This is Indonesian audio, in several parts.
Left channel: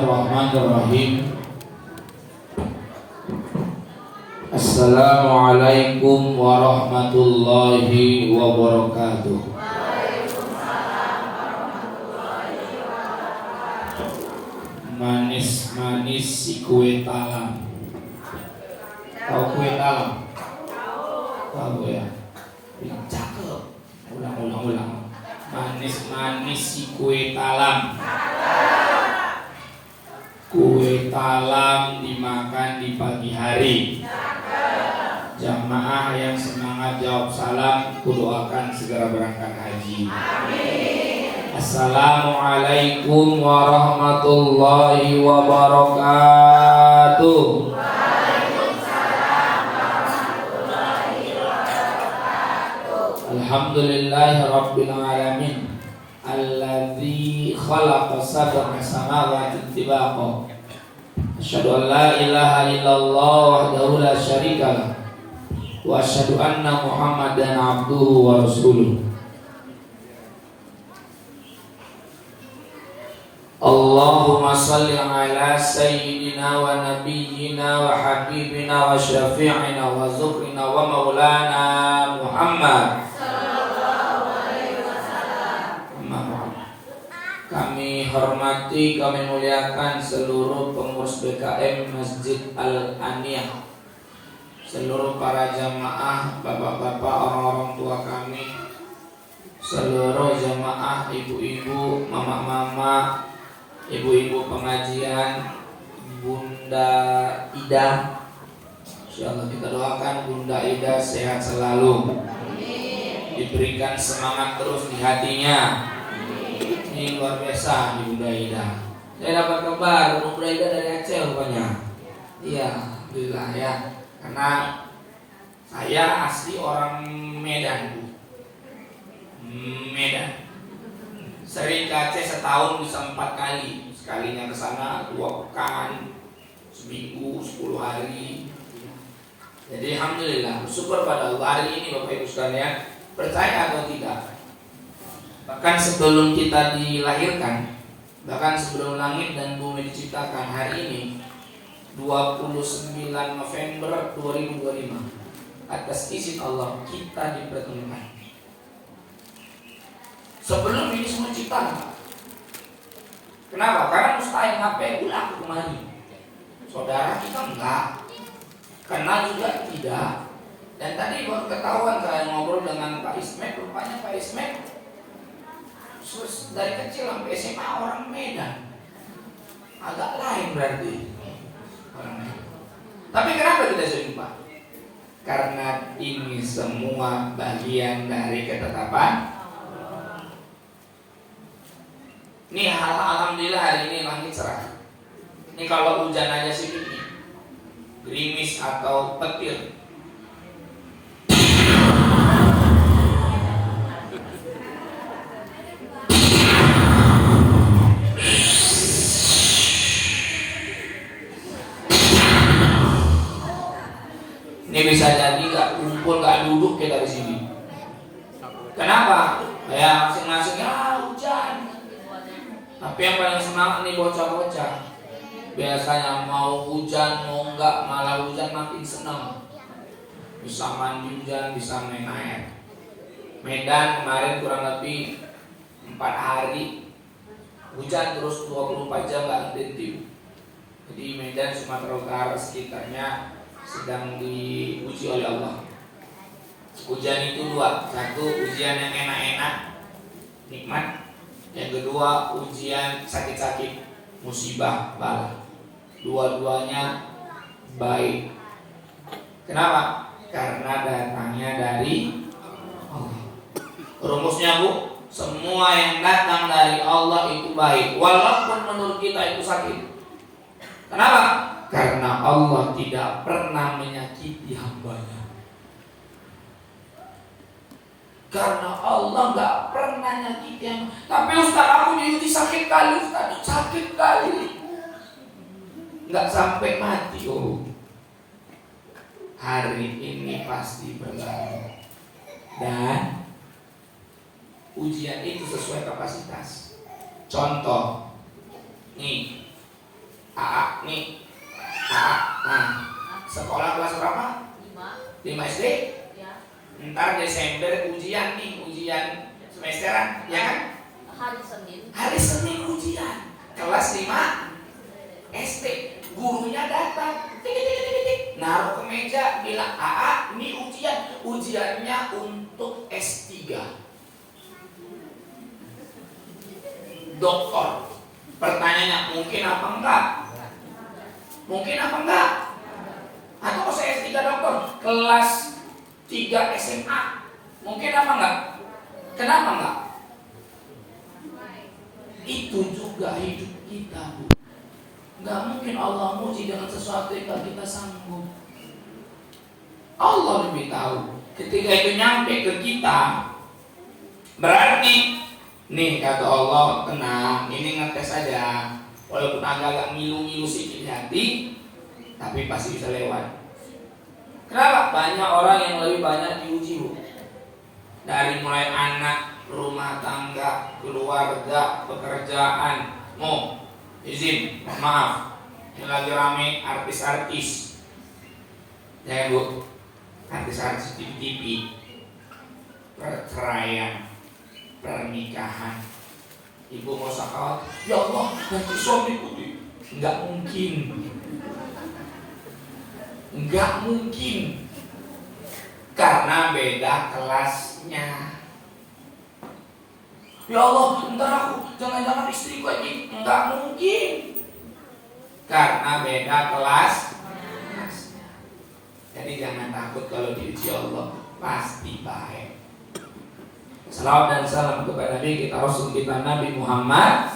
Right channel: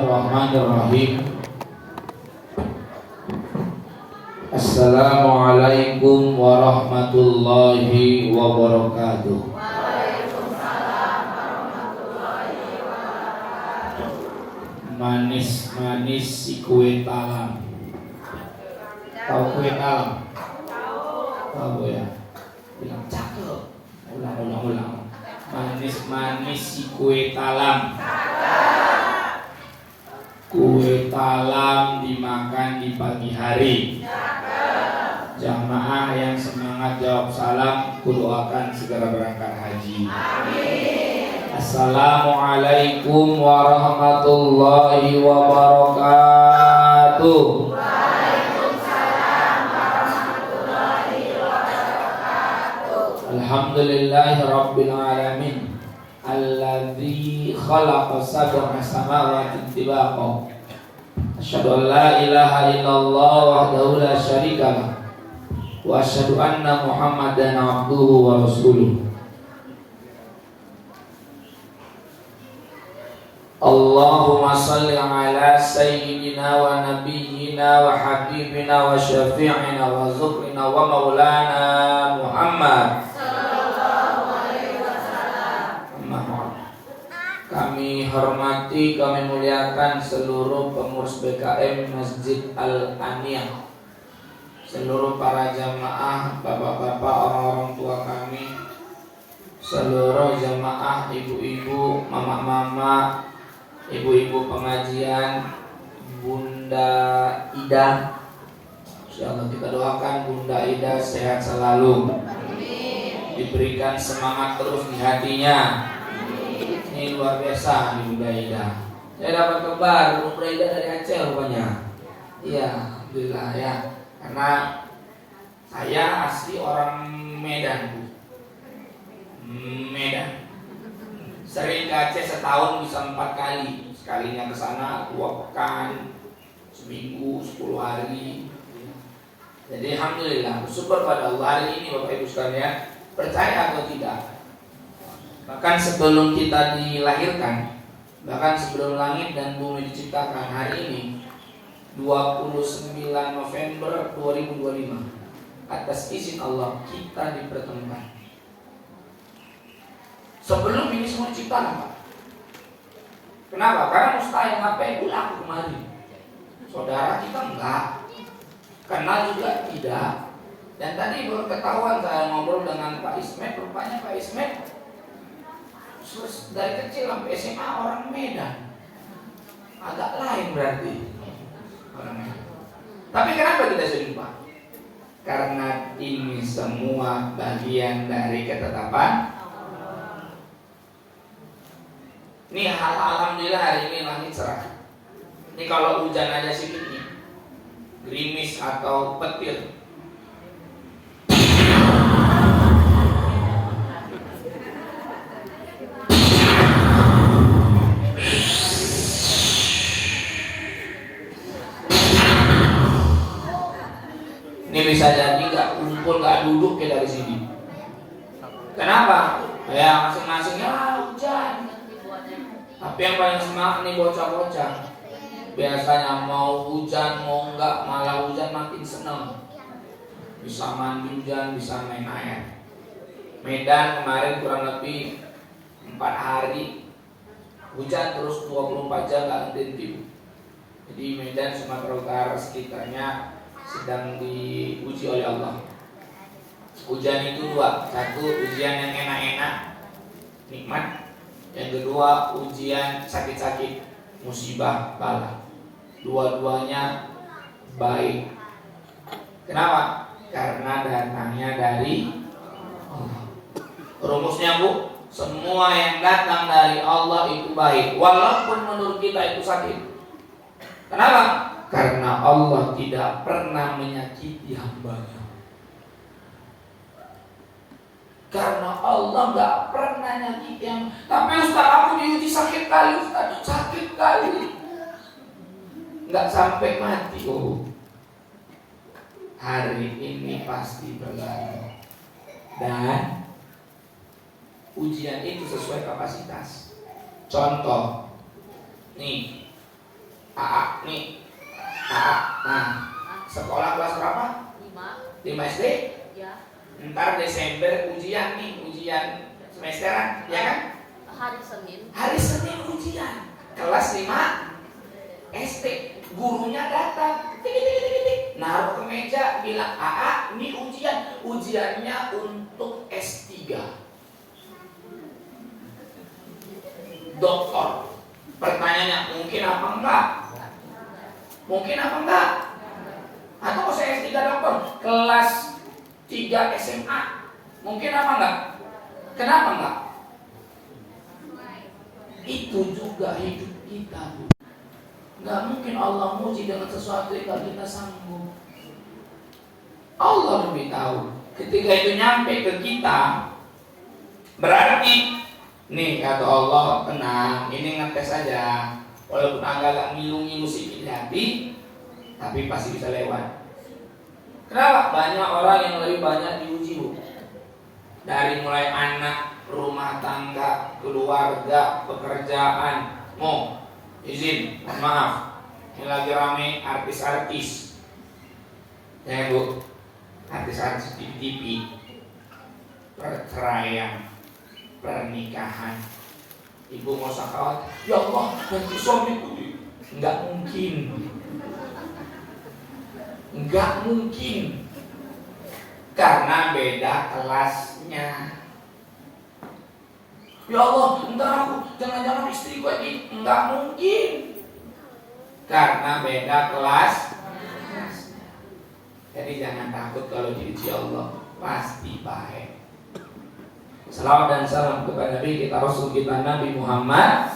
Bismillahirrahmanirrahim. Assalamualaikum warahmatullahi wabarakatuh. Manis-manis si kue talam. Tahu kue talam? Tahu ya? Bilang cakep. Ulang. Manis-manis si kue talam. Kue talam dimakan di pagi hari. Jamaah yang semangat jawab salam, kudoakan segera berangkat haji. Amin. Assalamualaikum warahmatullahi wabarakatuh. Waalaikumsalam warahmatullahi wabarakatuh. Alhamdulillahi rabbil alamin. Alladzi khalaqa sab'a samawati tibaqa. Asyhadu an la ilaha illallah wahdahu la syarika lah. Wa asyhadu anna Muhammadan abduhu wa rasuluh. Allahumma salli ala sayyidina wa nabiyyina wa habibina wa syafi'ina wa zukrina wa maulana Muhammad. Kami hormati, kami muliakan seluruh pengurus BKM Masjid Al-Aniyah, seluruh para jamaah, bapak-bapak, orang-orang tua kami, seluruh jamaah, ibu-ibu, mama-mama, ibu-ibu pengajian, Bunda Ida. Insyaallah kita doakan Bunda Ida sehat selalu, diberikan semangat terus di hatinya. Ini luar biasa nih Bunda Ida. Saya dapat kabar Bunda Ida dari Aceh rupanya. Iya, alhamdulillah ya. Karena saya asli orang Medan, Bu. Medan. Sering ke Aceh setahun bisa 4 kali. Sekalinya ke sana 2 pekan, seminggu, 10 hari. Jadi alhamdulillah, bersyukur pada Allah. Hari ini Bapak Ibu sekalian, percaya atau tidak, bahkan sebelum kita dilahirkan, bahkan sebelum langit dan bumi diciptakan, hari ini 29 November 2025, atas izin Allah kita dipertemukan. Sebelum ini semua ciptaan, Pak. Kenapa? Karena mustahil HP aku kemari. Saudara kita enggak, kenal juga tidak. Dan tadi baru ketahuan saya ngobrol dengan Pak Ismet, rupanya Pak Ismet dari kecil sampai SMA orang Medan. Agak lain berarti orang Medan. Tapi kenapa kita jumpa? Karena ini semua bagian dari ketetapan. Ini alhamdulillah hari ini langit cerah. Ini kalau hujan aja sedikit nih, gerimis atau petir, ini bisa jadi nggak kumpul, nggak duduk kayak dari sini. Kenapa? Ya masing-masing ya hujan. Tapi yang paling semangat nih bocah-bocah. Biasanya mau hujan mau enggak, malah hujan makin seneng. Bisa mandi hujan, bisa main air. Medan kemarin kurang lebih 4 hari hujan terus 24 jam nggak henti. Jadi Medan, Sumatera Utara sekitarnya sedang diuji oleh Allah. Ujian itu 2, satu ujian yang enak-enak, nikmat. Yang kedua ujian sakit-sakit, musibah, bala. Dua-duanya baik. Kenapa? Karena datangnya dari Allah. Rumusnya Bu, semua yang datang dari Allah itu baik, walaupun menurut kita itu sakit. Kenapa? Karena Allah tidak pernah menyakiti hambanya. Karena Allah gak pernah nyakiti yang. Tapi Ustaz aku diuji sakit kali, Ustaz sakit kali, gak sampai mati. Oh, hari ini pasti berlalu. Dan ujian itu sesuai kapasitas. Contoh, nih AA nih, AA. Nah, sekolah kelas berapa? 5 SD. Ntar Desember ujian nih, ujian semesteran, ya kan? Hari Senin ujian. Kelas 5 SD. Gurunya datang, tik, naruh ke meja, bilang, AA, ini ujian. Ujiannya untuk S3 doktor. Pertanyaannya, mungkin apa enggak? Mungkin apa enggak? Atau mau saya S3 doktor? Kelas 3 SMA. Mungkin apa enggak? Kenapa enggak? Itu juga hidup kita, Bu. Enggak mungkin Allah muji dengan sesuatu yang gak kita sanggup. Allah lebih tahu. Ketika itu nyampe ke kita, berarti nih kata Allah, tenang, ini ngetes saja. Walaupun agak ngilu-ngilu sedikit hati, tapi pasti bisa lewat. Kenapa? Banyak orang yang lebih banyak diuji, Bu. Dari mulai anak, rumah tangga, keluarga, pekerjaan. Izin, mohon maaf. Ini lagi rame artis-artis. Ya, Bu. Artis-artis TV, perceraian, pernikahan. Ibu mau sakit, ya Allah, ganti suamiku. Enggak mungkin. Enggak mungkin. Karena beda kelasnya. Ya Allah, entar aku jangan-jangan istriku lagi. Enggak mungkin. Karena beda kelas. Jadi jangan takut kalau diuji Allah, pasti baik. Salawat dan salam kepada Nabi kita, Rasul kita, Nabi Muhammad.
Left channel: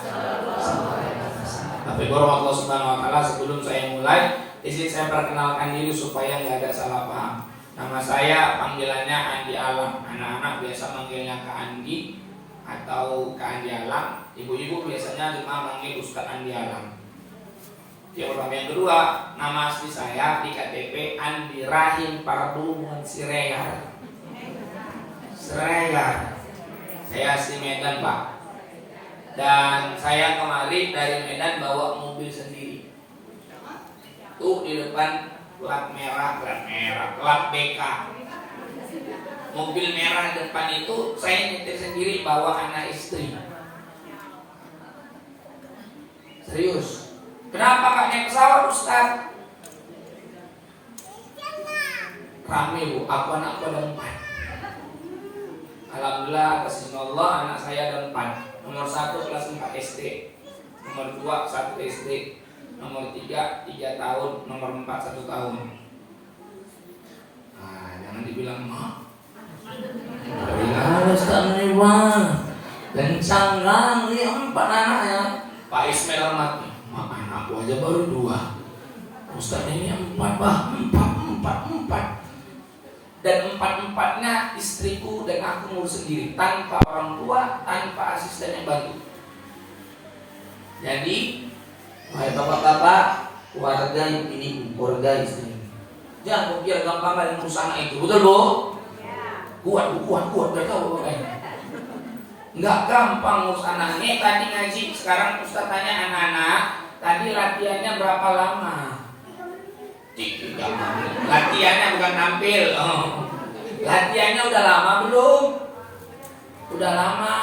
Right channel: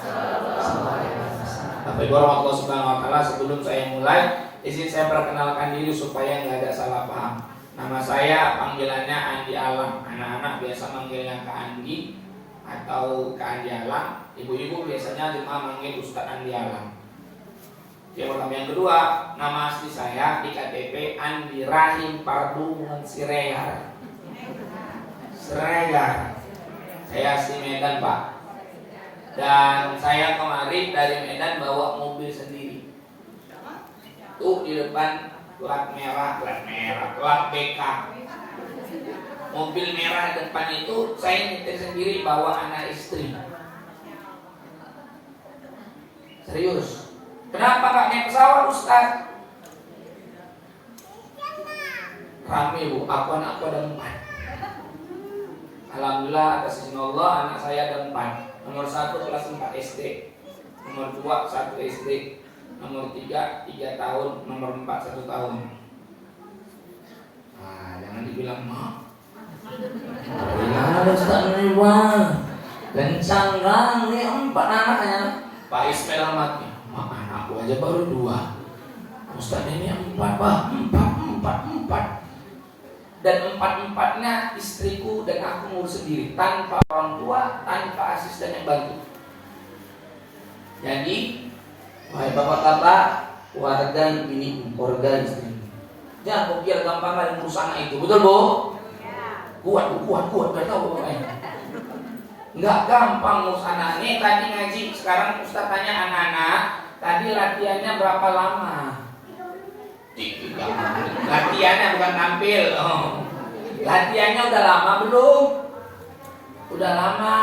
Tapi Allah Subhanahu Wa Taala, sebelum saya mulai, izin saya perkenalkan diri supaya nggak ada salah paham. Nama saya panggilannya Andi Alam. Anak-anak biasa manggilnya Kak Andi atau Kak Andi Alam. Ibu-ibu biasanya cuma manggil Ustadz Andi Alam. Yang pertama. Yang kedua, nama asli saya di KTP Andi Rahim Pardumun Siregar. Saya asli Medan, Pak. Dan saya kemari dari Medan bawa mobil sendiri. Tuh di depan plat merah, plat BK. Mobil merah depan itu saya nyetir sendiri, bawa anak istri. Serius. Kenapa gak naik pesawat, Ustaz? Rame, Bu, aku ada 4. Alhamdulillah atas izin Allah anak saya ada 4. Nomor 1 kelas 4 SD, nomor 2 1 SD, nomor 3 tahun, nomor 4 1 tahun. Nah, jangan dibilang mak. Harus tak mewah. Kencang kan, ini 4 anaknya. Pak Ismail mati. Mak, anakku aja baru 2. Ustaz ini 4, Pak. 4. Dan 4-empatnya istriku dan aku ngurus sendiri, tanpa orang tua, tanpa asisten yang bantu. Jadi, wahai bapak-bapak, warga ini, keluarga istri, jangan biar gampang kalian ngurus anak itu, betul, Bu? Kuat, biar tahu bapaknya. Nggak gampang ngurus anak. Nih tadi ngaji, sekarang Ustaz tanya anak-anak, tadi latihannya berapa lama? Latihannya bukan tampil. Latihannya udah lama belum? Udah lama.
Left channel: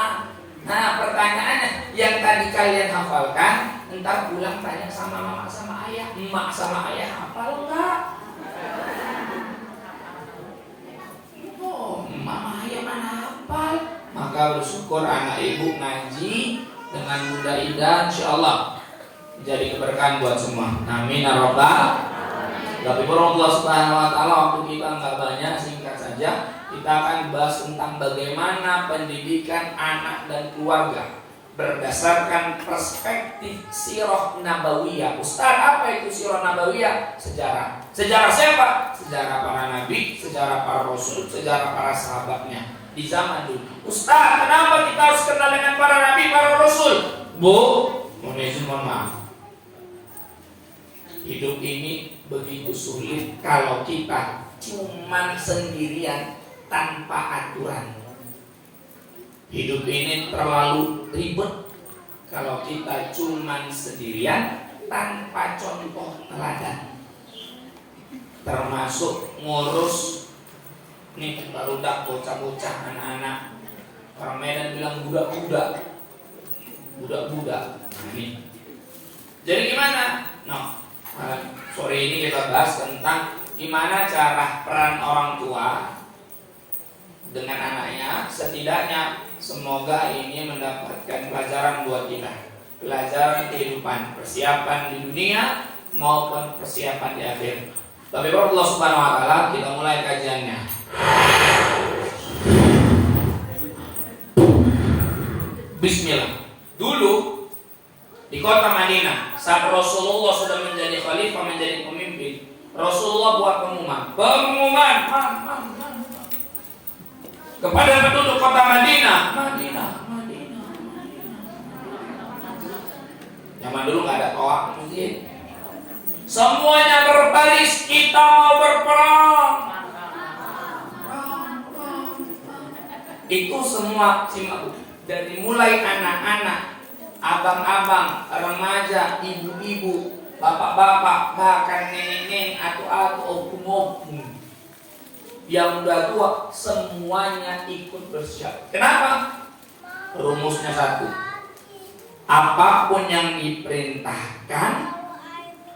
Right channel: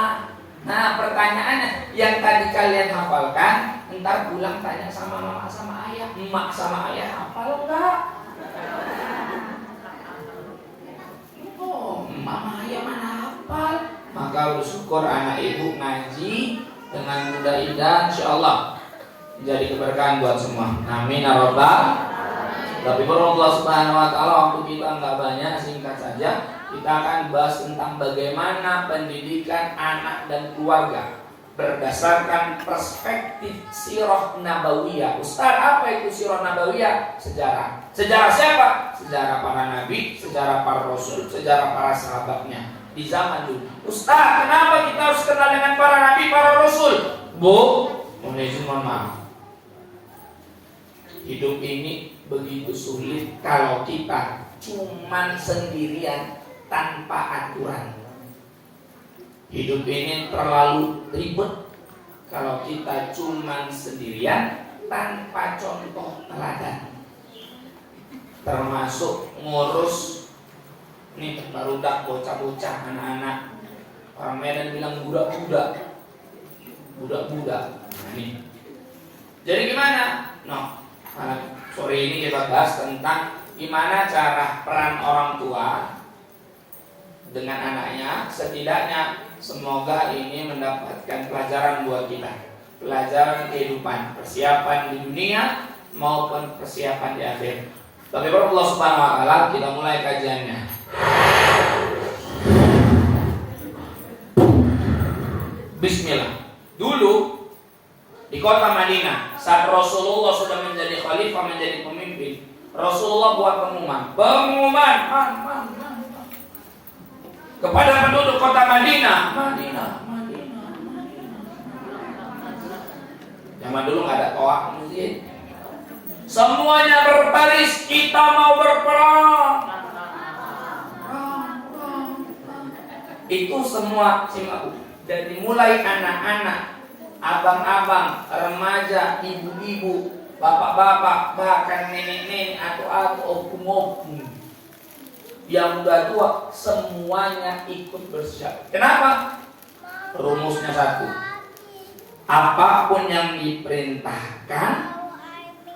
Nah, pertanyaannya, yang tadi kalian hafalkan, ntar pulang tanya sama mama sama ayah. Emak sama ayah hafal enggak? Oh, mama ayah mana hafal? Maka bersyukur anak ibu ngaji dengan mudah indah, insyaallah jadi keberkahan buat semua. Amin ya rabbal. Tapi Allah Subhanahu Wa Taala, waktu kita nggak banyak, singkat saja. Kita akan bahas tentang bagaimana pendidikan anak dan keluarga berdasarkan perspektif sirah nabawiyah. Ustaz, apa itu sirah nabawiyah? Sejarah. Sejarah siapa? Sejarah para nabi, sejarah para rasul, sejarah para sahabatnya di zaman dulu. Ustaz, kenapa kita harus kenal dengan para nabi, para rasul? Bu, mohon maaf. Hidup ini begitu sulit kalau kita cuman sendirian tanpa aturan. Hidup ini terlalu ribet kalau kita cuman sendirian tanpa contoh teladan. Termasuk ngurus nih barudak, bocah-bocah, anak-anak. Orang Medan bilang budak-budak. Budak-budak. Nah, ini. Jadi gimana? Sore ini kita bahas tentang gimana cara peran orang tua dengan anaknya. Setidaknya semoga ini mendapatkan pelajaran buat kita, pelajaran kehidupan, persiapan di dunia maupun persiapan di akhir. Tapi Allah Subhanahu wa taala, kita mulai kajiannya. Bismillah. Dulu di kota Madinah, saat Rasulullah sudah menjadi khalifah, menjadi pemimpin, Rasulullah buat pengumuman kepada penduduk kota Madinah. Zaman dulu nggak ada toa mungkin. Semuanya berbaris, kita mau berperang. Itu semua simak. Dari mulai anak-anak, abang-abang, remaja, ibu-ibu, bapak-bapak, bahkan nenek-nenek atau opung-opung, yang udah tua, semuanya ikut bersiap. Kenapa? Rumusnya satu. Apapun yang diperintahkan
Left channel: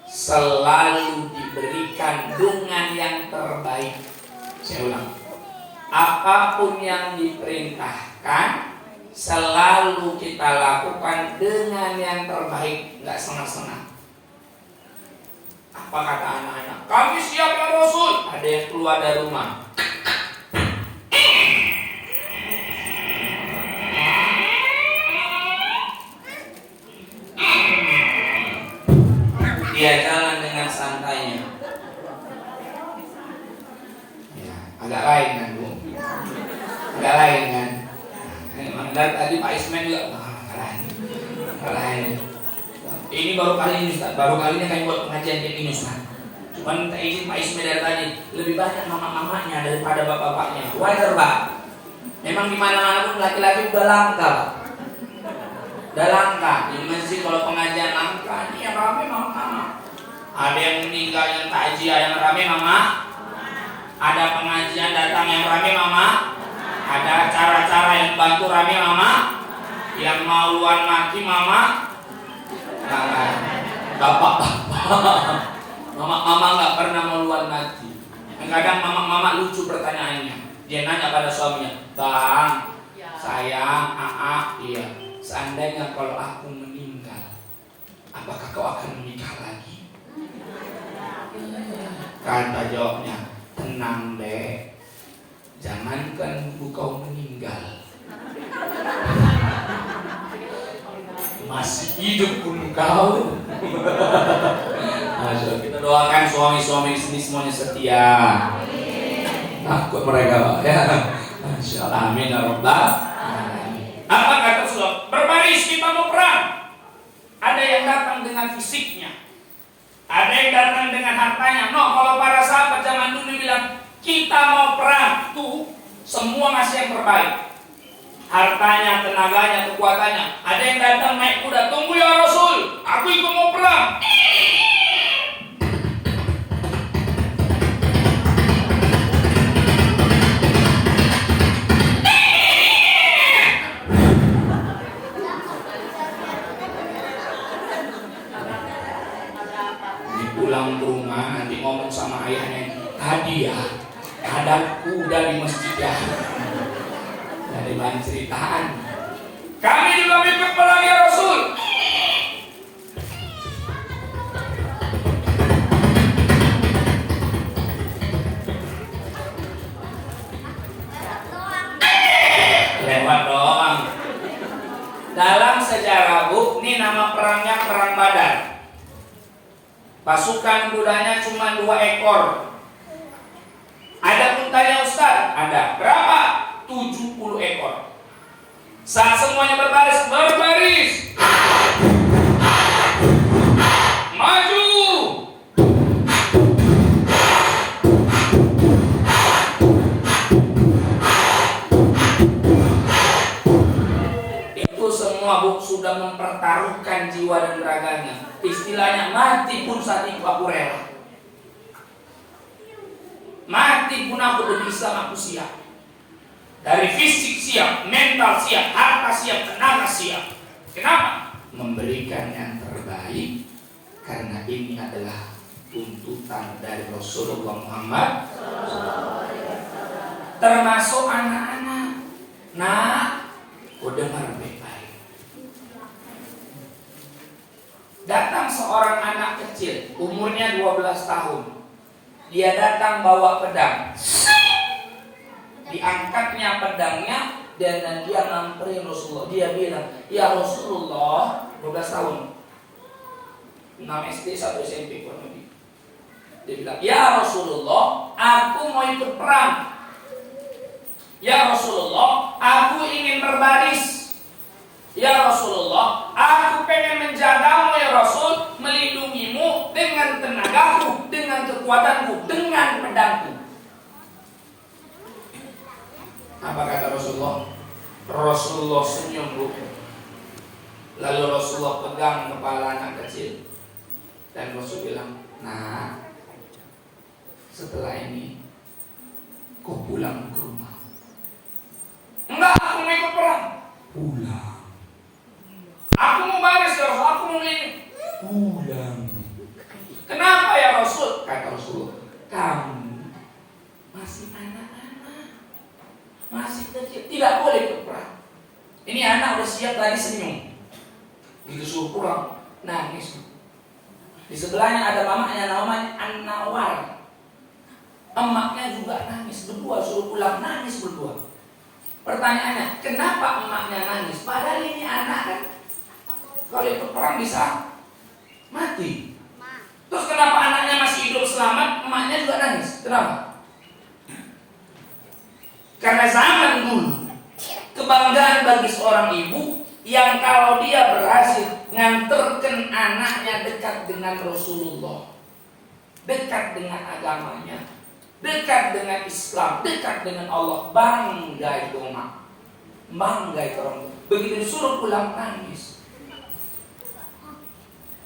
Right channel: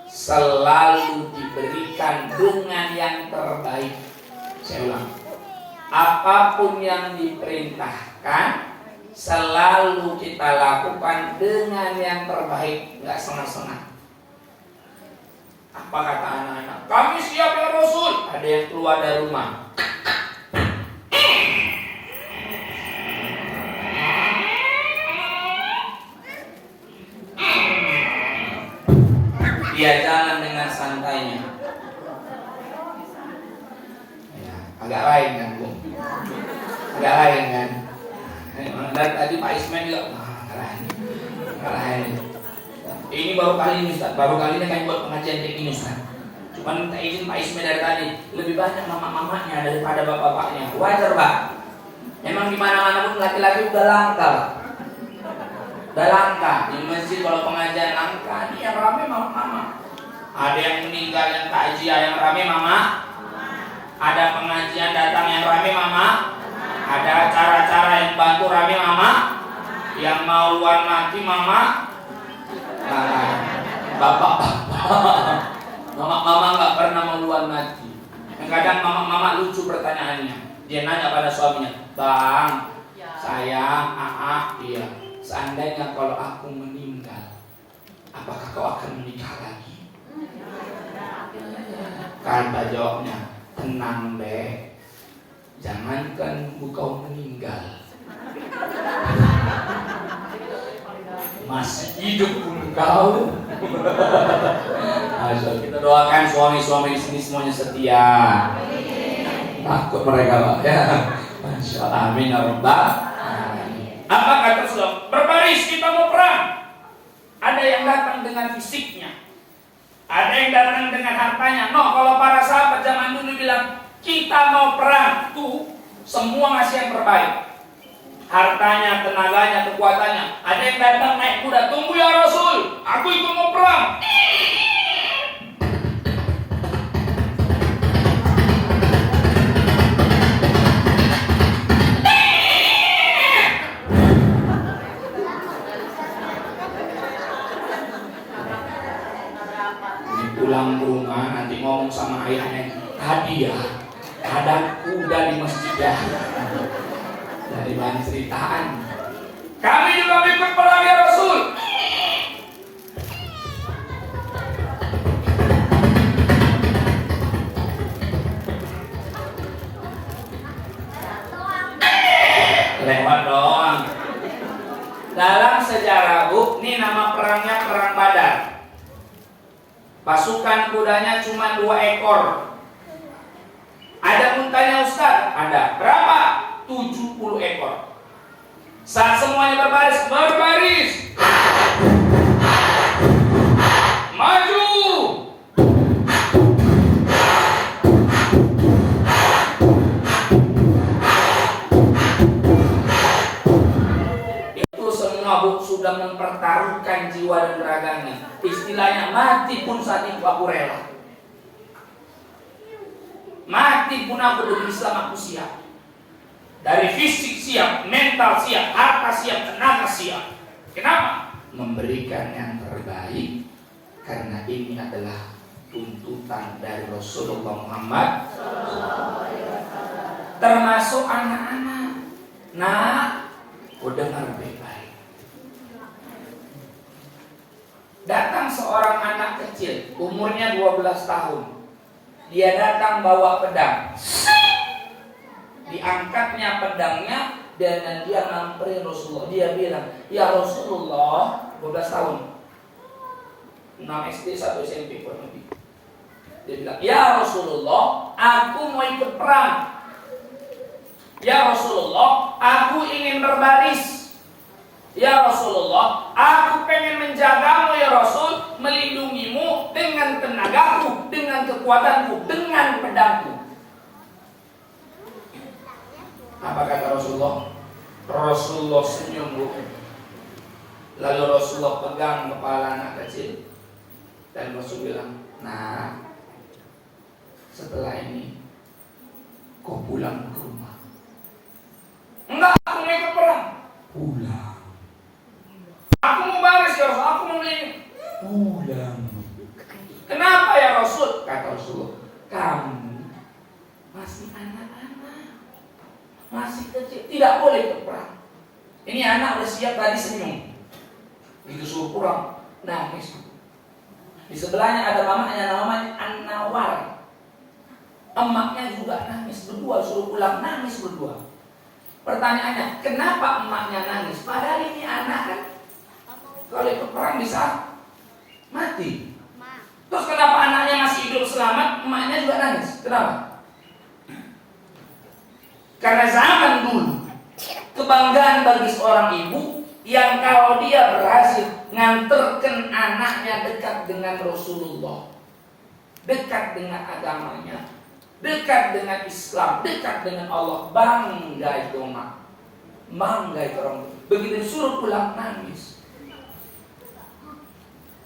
selalu diberikan dengan yang terbaik. Saya ulang. Apapun yang diperintahkan selalu kita lakukan dengan yang terbaik, nggak setengah-setengah. Apa kata anak-anak? Kami siap ya Rasul. Ada yang keluar dari rumah. Dia jalan dengan santainya. Ya, agak lain kan Bu? Agak lain kan? Dan tadi Pak Ismail juga lain. Ini baru kali ini Ustaz, baru kali ini kami buat pengajian kayak gini Ustaz. Cuman minta izin Pak Ismail dari tadi, lebih banyak mama-mamanya daripada bapak-bapaknya. Wajar Pak. Memang di mana-mana pun laki-laki udah langka. Udah langka. Di masjid kalau pengajian langka, ini yang rame mama-mama. Ada yang meninggal, yang takziah yang rame mama. Ada pengajian datang yang rame mama. Ada acara-acara yang bantu rame mama. Yang mau luar mati mama. Bapak-bapak. Mama nggak pernah mau luar mati. Kadang mama lucu pertanyaannya. Dia nanya pada suaminya, Bang, sayang, iya. Seandainya kalau aku meninggal, apakah kau akan menikah lagi? Kata jawabnya, tenang deh. Jangankan kau meninggal, masih hidup pun kau. Kita doakan suami-suami di sini semuanya setia. Takut mereka Pak ya. Masya Allah, amin ya rabbal alamin. Apa kata Rasulullah? Berbaris, kita mau perang. Ada yang datang dengan fisiknya, ada yang datang dengan hartanya. Kalau para sahabat zaman dulu bilang kita mau perang, tuh semua ngasih yang terbaik. Hartanya, tenaganya, kekuatannya. Ada yang datang naik kuda, tunggu ya Rasul, aku ikut mau perang. Pulang ke rumah nanti ngomong sama ayahnya, hadiah ada kuda di masjid ya. Dari bahan ceritaan, kami juga ikut perang ya Rasul. Lewat dong. Dalam sejarah Bu, ini nama perangnya perang Badar. Pasukan kudanya cuma 2 ekor. Ada untanya Ustaz? Ada. Berapa? 70 ekor. Saat semuanya berbaris. Maju. Itu semua Bu mabuk sudah mempertaruhkan jiwa dan raganya. Istilahnya mati pun saat itu aku rela. Mati pun aku demi Islam aku siap. Dari fisik siap, mental siap, harta siap, tenaga siap. Kenapa? Memberikan yang terbaik. Karena ini adalah tuntutan dari Rasulullah Muhammad. Termasuk anak-anak. Nah, kau dengar baik-baik. Datang seorang anak kecil, umurnya 12 tahun. Dia datang bawa pedang. Diangkatnya pedangnya dan dia nyamperin Rasulullah. Dia bilang, "Ya Rasulullah," 12 tahun. 6 SD, 1 SMP kurang lebih. Dia bilang, "Ya Rasulullah, aku mau ikut perang. Ya Rasulullah, aku ingin berbaris. Ya Rasulullah, aku pengen menjagamu ya Rasul, melindungimu dengan tenagaku, dengan kekuatanku, dengan pedangku." Apa kata Rasulullah? Rasulullah senyum, Bu. Lalu Rasulullah pegang kepala anak kecil dan Rasul bilang, "Nah, setelah ini kau pulang ke rumah." "Enggak, aku mau ikut perang." "Pulang." "Aku mau baris ya Rasul, aku mau melindungi." "Pulang." "Kenapa ya Rasul?" Kata Rasulullah, "Kamu masih anak-anak, masih kecil, tidak boleh ikut perang." Ini anak udah siap tadi senyum. Gitu suruh pulang, nangis. Di sebelahnya ada mamanya namanya An-Nawar. Emaknya juga nangis berdua, suruh pulang nangis berdua. Pertanyaannya, kenapa emaknya nangis? Padahal ini anak kan, kalau ikut perang bisa mati. Terus kenapa anaknya masih hidup selamat, emaknya juga nangis? Kenapa? Karena zaman dulu kebanggaan bagi seorang ibu yang kalau dia berhasil nganterkan anaknya dekat dengan Rasulullah, dekat dengan agamanya, dekat dengan Islam, dekat dengan Allah, bangga itu mak, bangga itu orang. Begitu disuruh pulang nangis.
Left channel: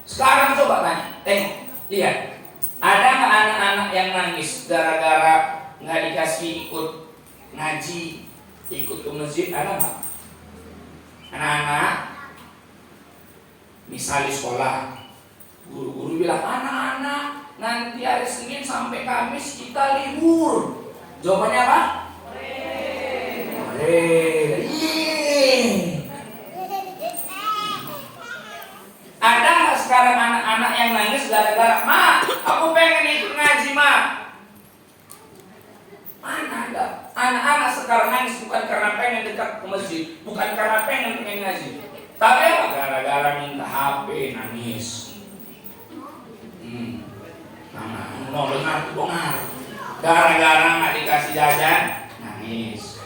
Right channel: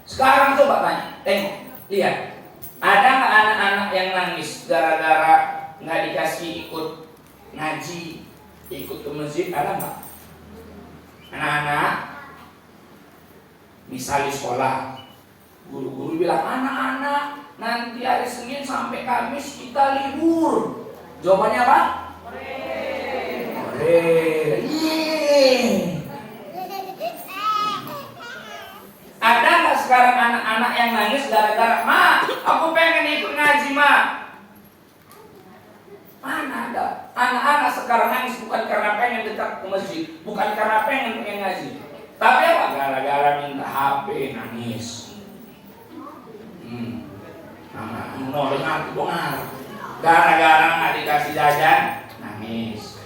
Sekarang coba tanya, tengok, lihat, ada nggak anak-anak yang nangis gara-gara nggak dikasih ikut ngaji, ikut ke masjid? Ada nggak? Anak-anak, misalnya sekolah, guru-guru bilang, "Anak-anak, nanti hari Senin sampai Kamis kita libur." Jawabannya apa? Hore. Ada nggak sekarang anak-anak yang nangis gara-gara, "Ma, aku pengen ikut ngaji, Ma"? Mana ada? Anak-anak sekarang nangis bukan karena pengen dekat ke masjid, bukan karena pengen ngaji, tapi apa? Gara-gara minta HP nangis. Dengar. Gara-gara nggak dikasih jajan nangis.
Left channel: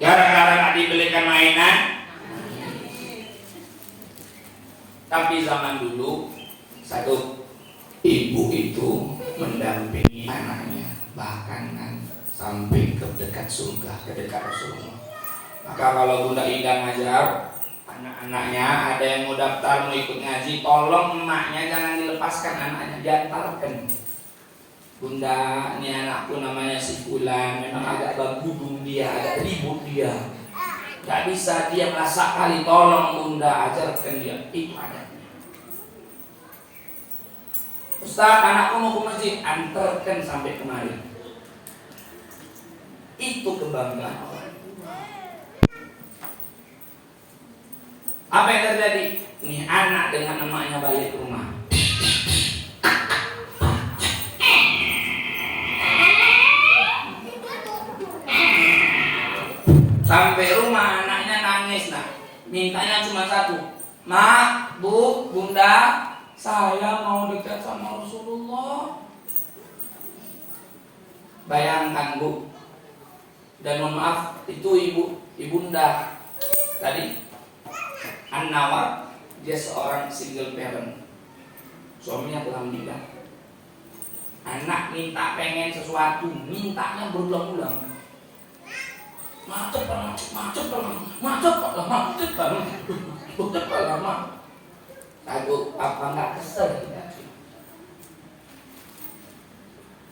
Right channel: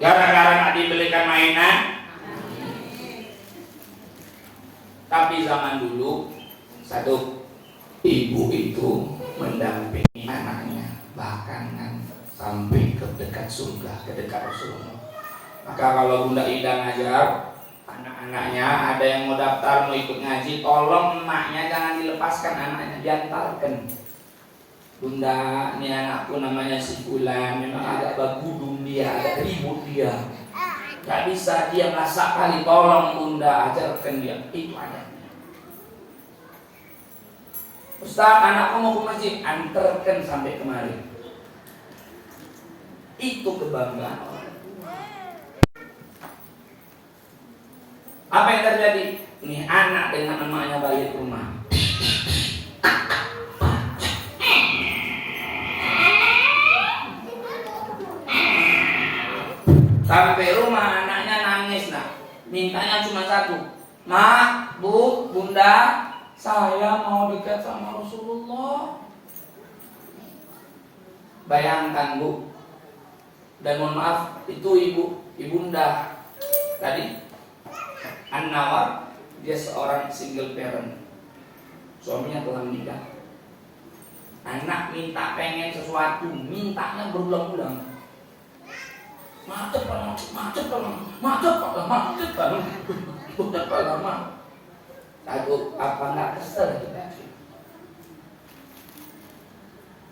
Gara-gara nggak dibelikan mainan nangis. Tapi zaman dulu, satu, ibu itu mendampingi anaknya bahkan sampai ke dekat surga, ke dekat Rasulullah. Maka kalau Bunda Ida ngajar anak-anaknya, ada yang mau daftar, mau ikut ngaji, tolong emaknya jangan dilepaskan anaknya, diantarkan. "Bunda, ini anakku namanya si Fulan, memang agak bagudung dia, agak ribut dia, gak bisa dia masak kali, tolong Bunda ajarkan dia." Itu adanya. "Ustaz, anakku mau ke masjid," antarkan sampai kemarin. Itu kebanggaan orang tua. Apa yang terjadi? Ini anak dengan emaknya balik ke rumah. Sampai rumah anaknya nangis, nah. Mintanya cuma satu. "Ma, Bu, Bunda, saya mau dekat sama Rasulullah." Bayangkan, Bu. Dan mohon maaf, itu ibunda tadi An-Nawar, dia seorang single parent. Suaminya telah meninggal. Anak minta pengen sesuatu, mintanya berulang-ulang. Macet lama. Aku apa nggak kesel kita?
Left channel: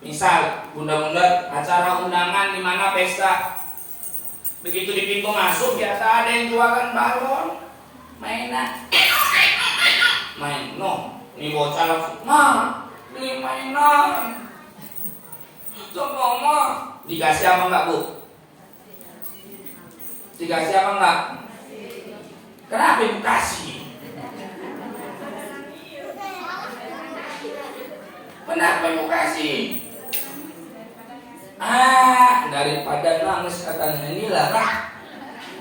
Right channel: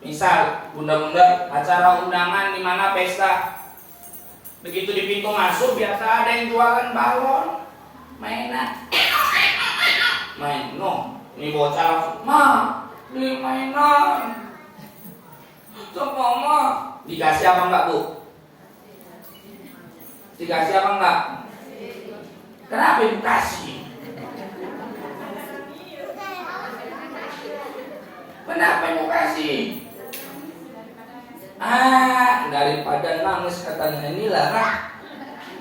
Misal, bunda-bunda acara undangan di mana pesta, begitu di pintu masuk biasa ada yang jualan balon, mainan, ini bocah langsung, beli mainan, coba dikasih apa enggak bu? Dikasih apa enggak? Kenapa ibu kasih? Kenapa ibu kasih? Daripada nangis katanya inilah kan.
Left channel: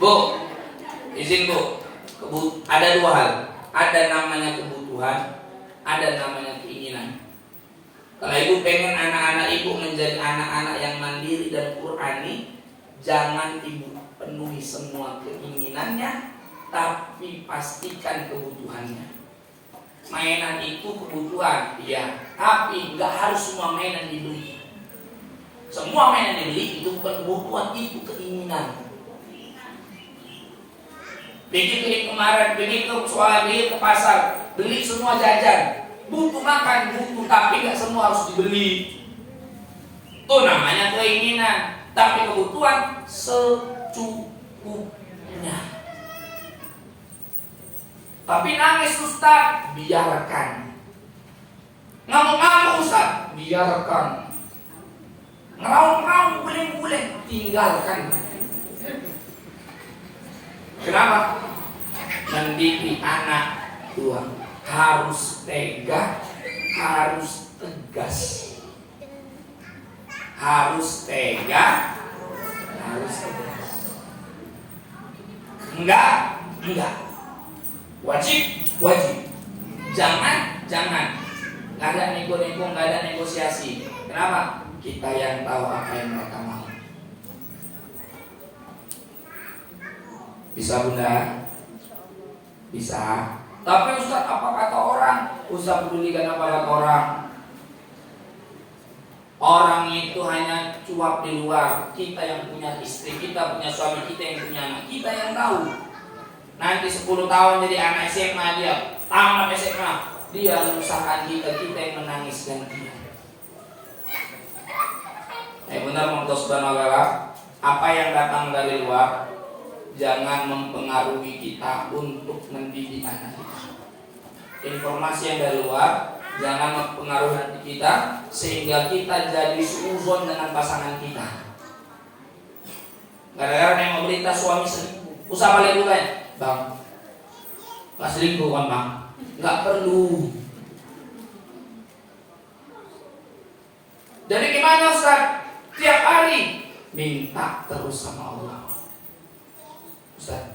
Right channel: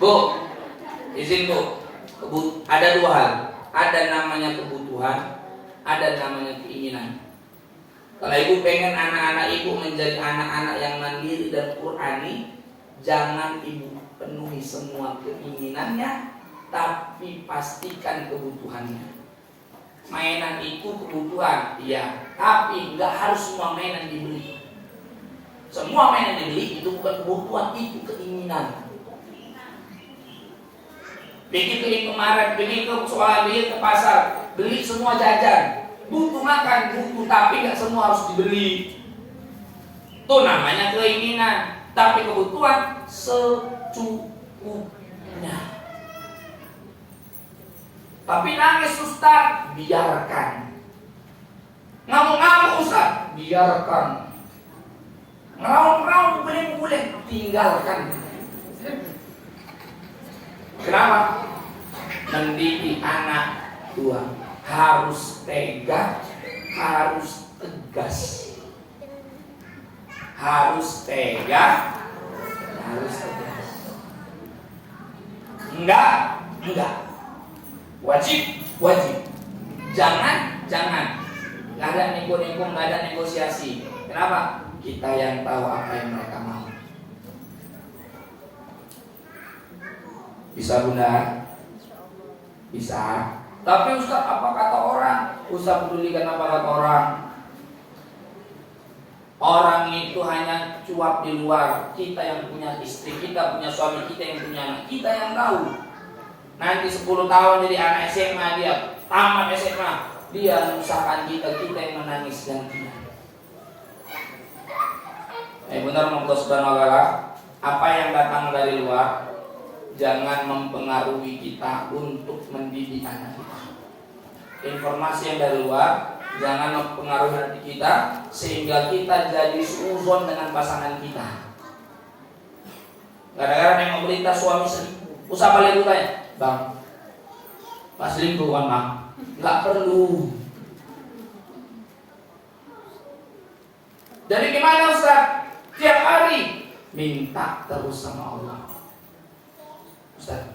Bu, izin bu. Ada dua hal. Ada namanya kebutuhan, ada namanya keinginan. Kalau ibu pengen anak-anak ibu menjadi anak-anak yang mandiri dan Qurani, jangan ibu penuhi semua keinginannya, tapi pastikan kebutuhannya. Mainan itu kebutuhan, iya, tapi nggak harus semua mainan dibeli. Semua mainan dibeli itu bukan kebutuhan, itu keinginan. Pergi kemarin, pergi ke pasar, beli semua jajan. Butuh makan, butuh, tapi nggak semua harus dibeli. Itu namanya keinginan, tapi kebutuhan secukupnya. Tapi nangis Ustaz, biarkan. Ngamuk-ngamuk Ustaz, biarkan. Ngeraung-ngeraung, guling-guling, tinggalkan. Kenapa? Mendidik anak tua harus tega, harus tegas. Harus tega, harus tegas. Enggak. Wajib. Jangan. Nggak ada nego-nego, nggak ada negosiasi. Kenapa? Kita yang tahu apa yang mereka mau. Bisa bunda? Bisa. Tapi Ustaz, apa kata orang? Ustaz pedulikan apa kata orang? Orang itu hanya cuap di luar. Kita yang punya istri, kita punya suami, kita yang punya anak, kita yang tahu. Nanti 10 tahun jadi anak SMA, dia tamat SMA, dia menyusahkan kita yang menangis dan dia. Benar Allah Subhanahu wa taala, apa yang datang dari luar jangan mempengaruhi kita untuk mendidik anak kita. Informasi yang dari luar jangan mempengaruhi hati kita sehingga kita jadi suuzon dengan pasangan kita. Gara-gara nengok berita suami selingkuh, usah balik tanya, bang, pas selingkuh kan bang? Nggak perlu. Jadi gimana Ustaz? Tiap hari minta terus sama Allah. Ustaz,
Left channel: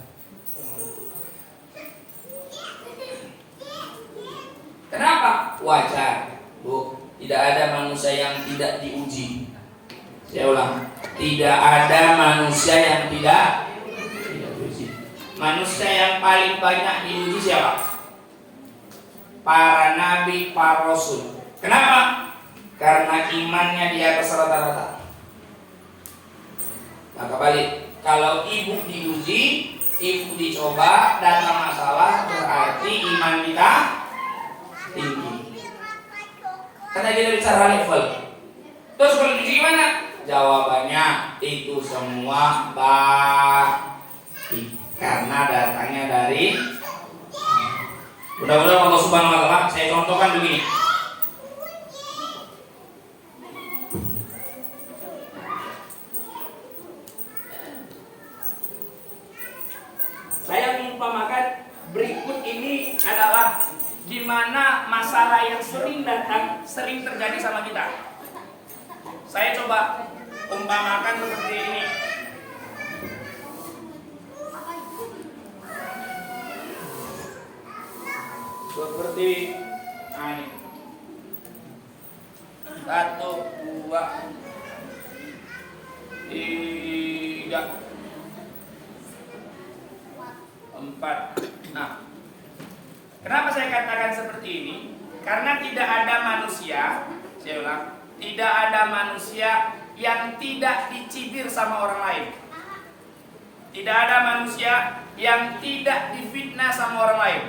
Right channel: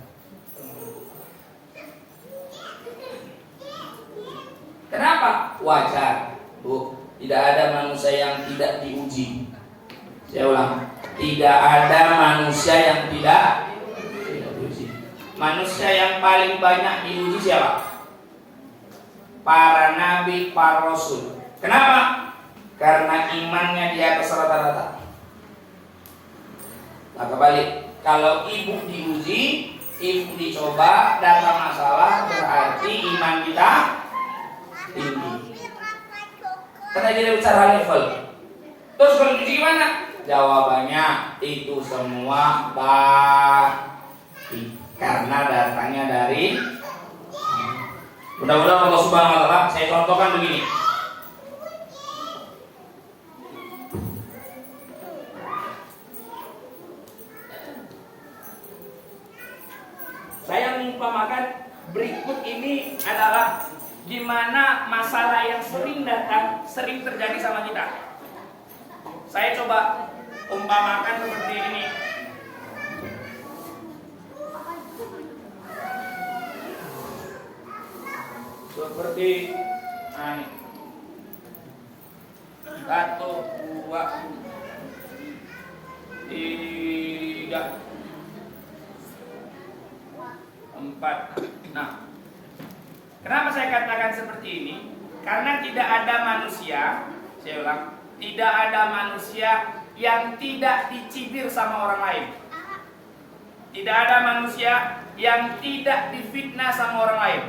kenapa? Wajar, Bu. Tidak ada manusia yang tidak diuji. Saya ulang, tidak ada manusia yang tidak diuji. Manusia yang paling banyak diuji siapa? Para nabi, para rasul. Kenapa? Karena imannya di atas rata-rata. Maka balik, kalau ibu diuji, ibu dicoba, datang masalah, berarti iman kita tinggi. Karena kita bicara level. Terus kalau diuji gimana? Jawabannya itu semua baik, karena datangnya dari. Mudah-mudahan Allah Subhanahu wa taala. Saya contohkan begini. Saya mengumpamakan berikut ini adalah gimana masalah yang sering datang, sering terjadi sama kita. Saya coba umpamakan seperti ini. Seperti ini. 1, 2, 3, 4. Nah, kenapa saya katakan seperti ini? Karena tidak ada manusia, saya ulang, tidak ada manusia yang tidak dicibir sama orang lain. Tidak ada manusia yang tidak difitnah sama orang lain.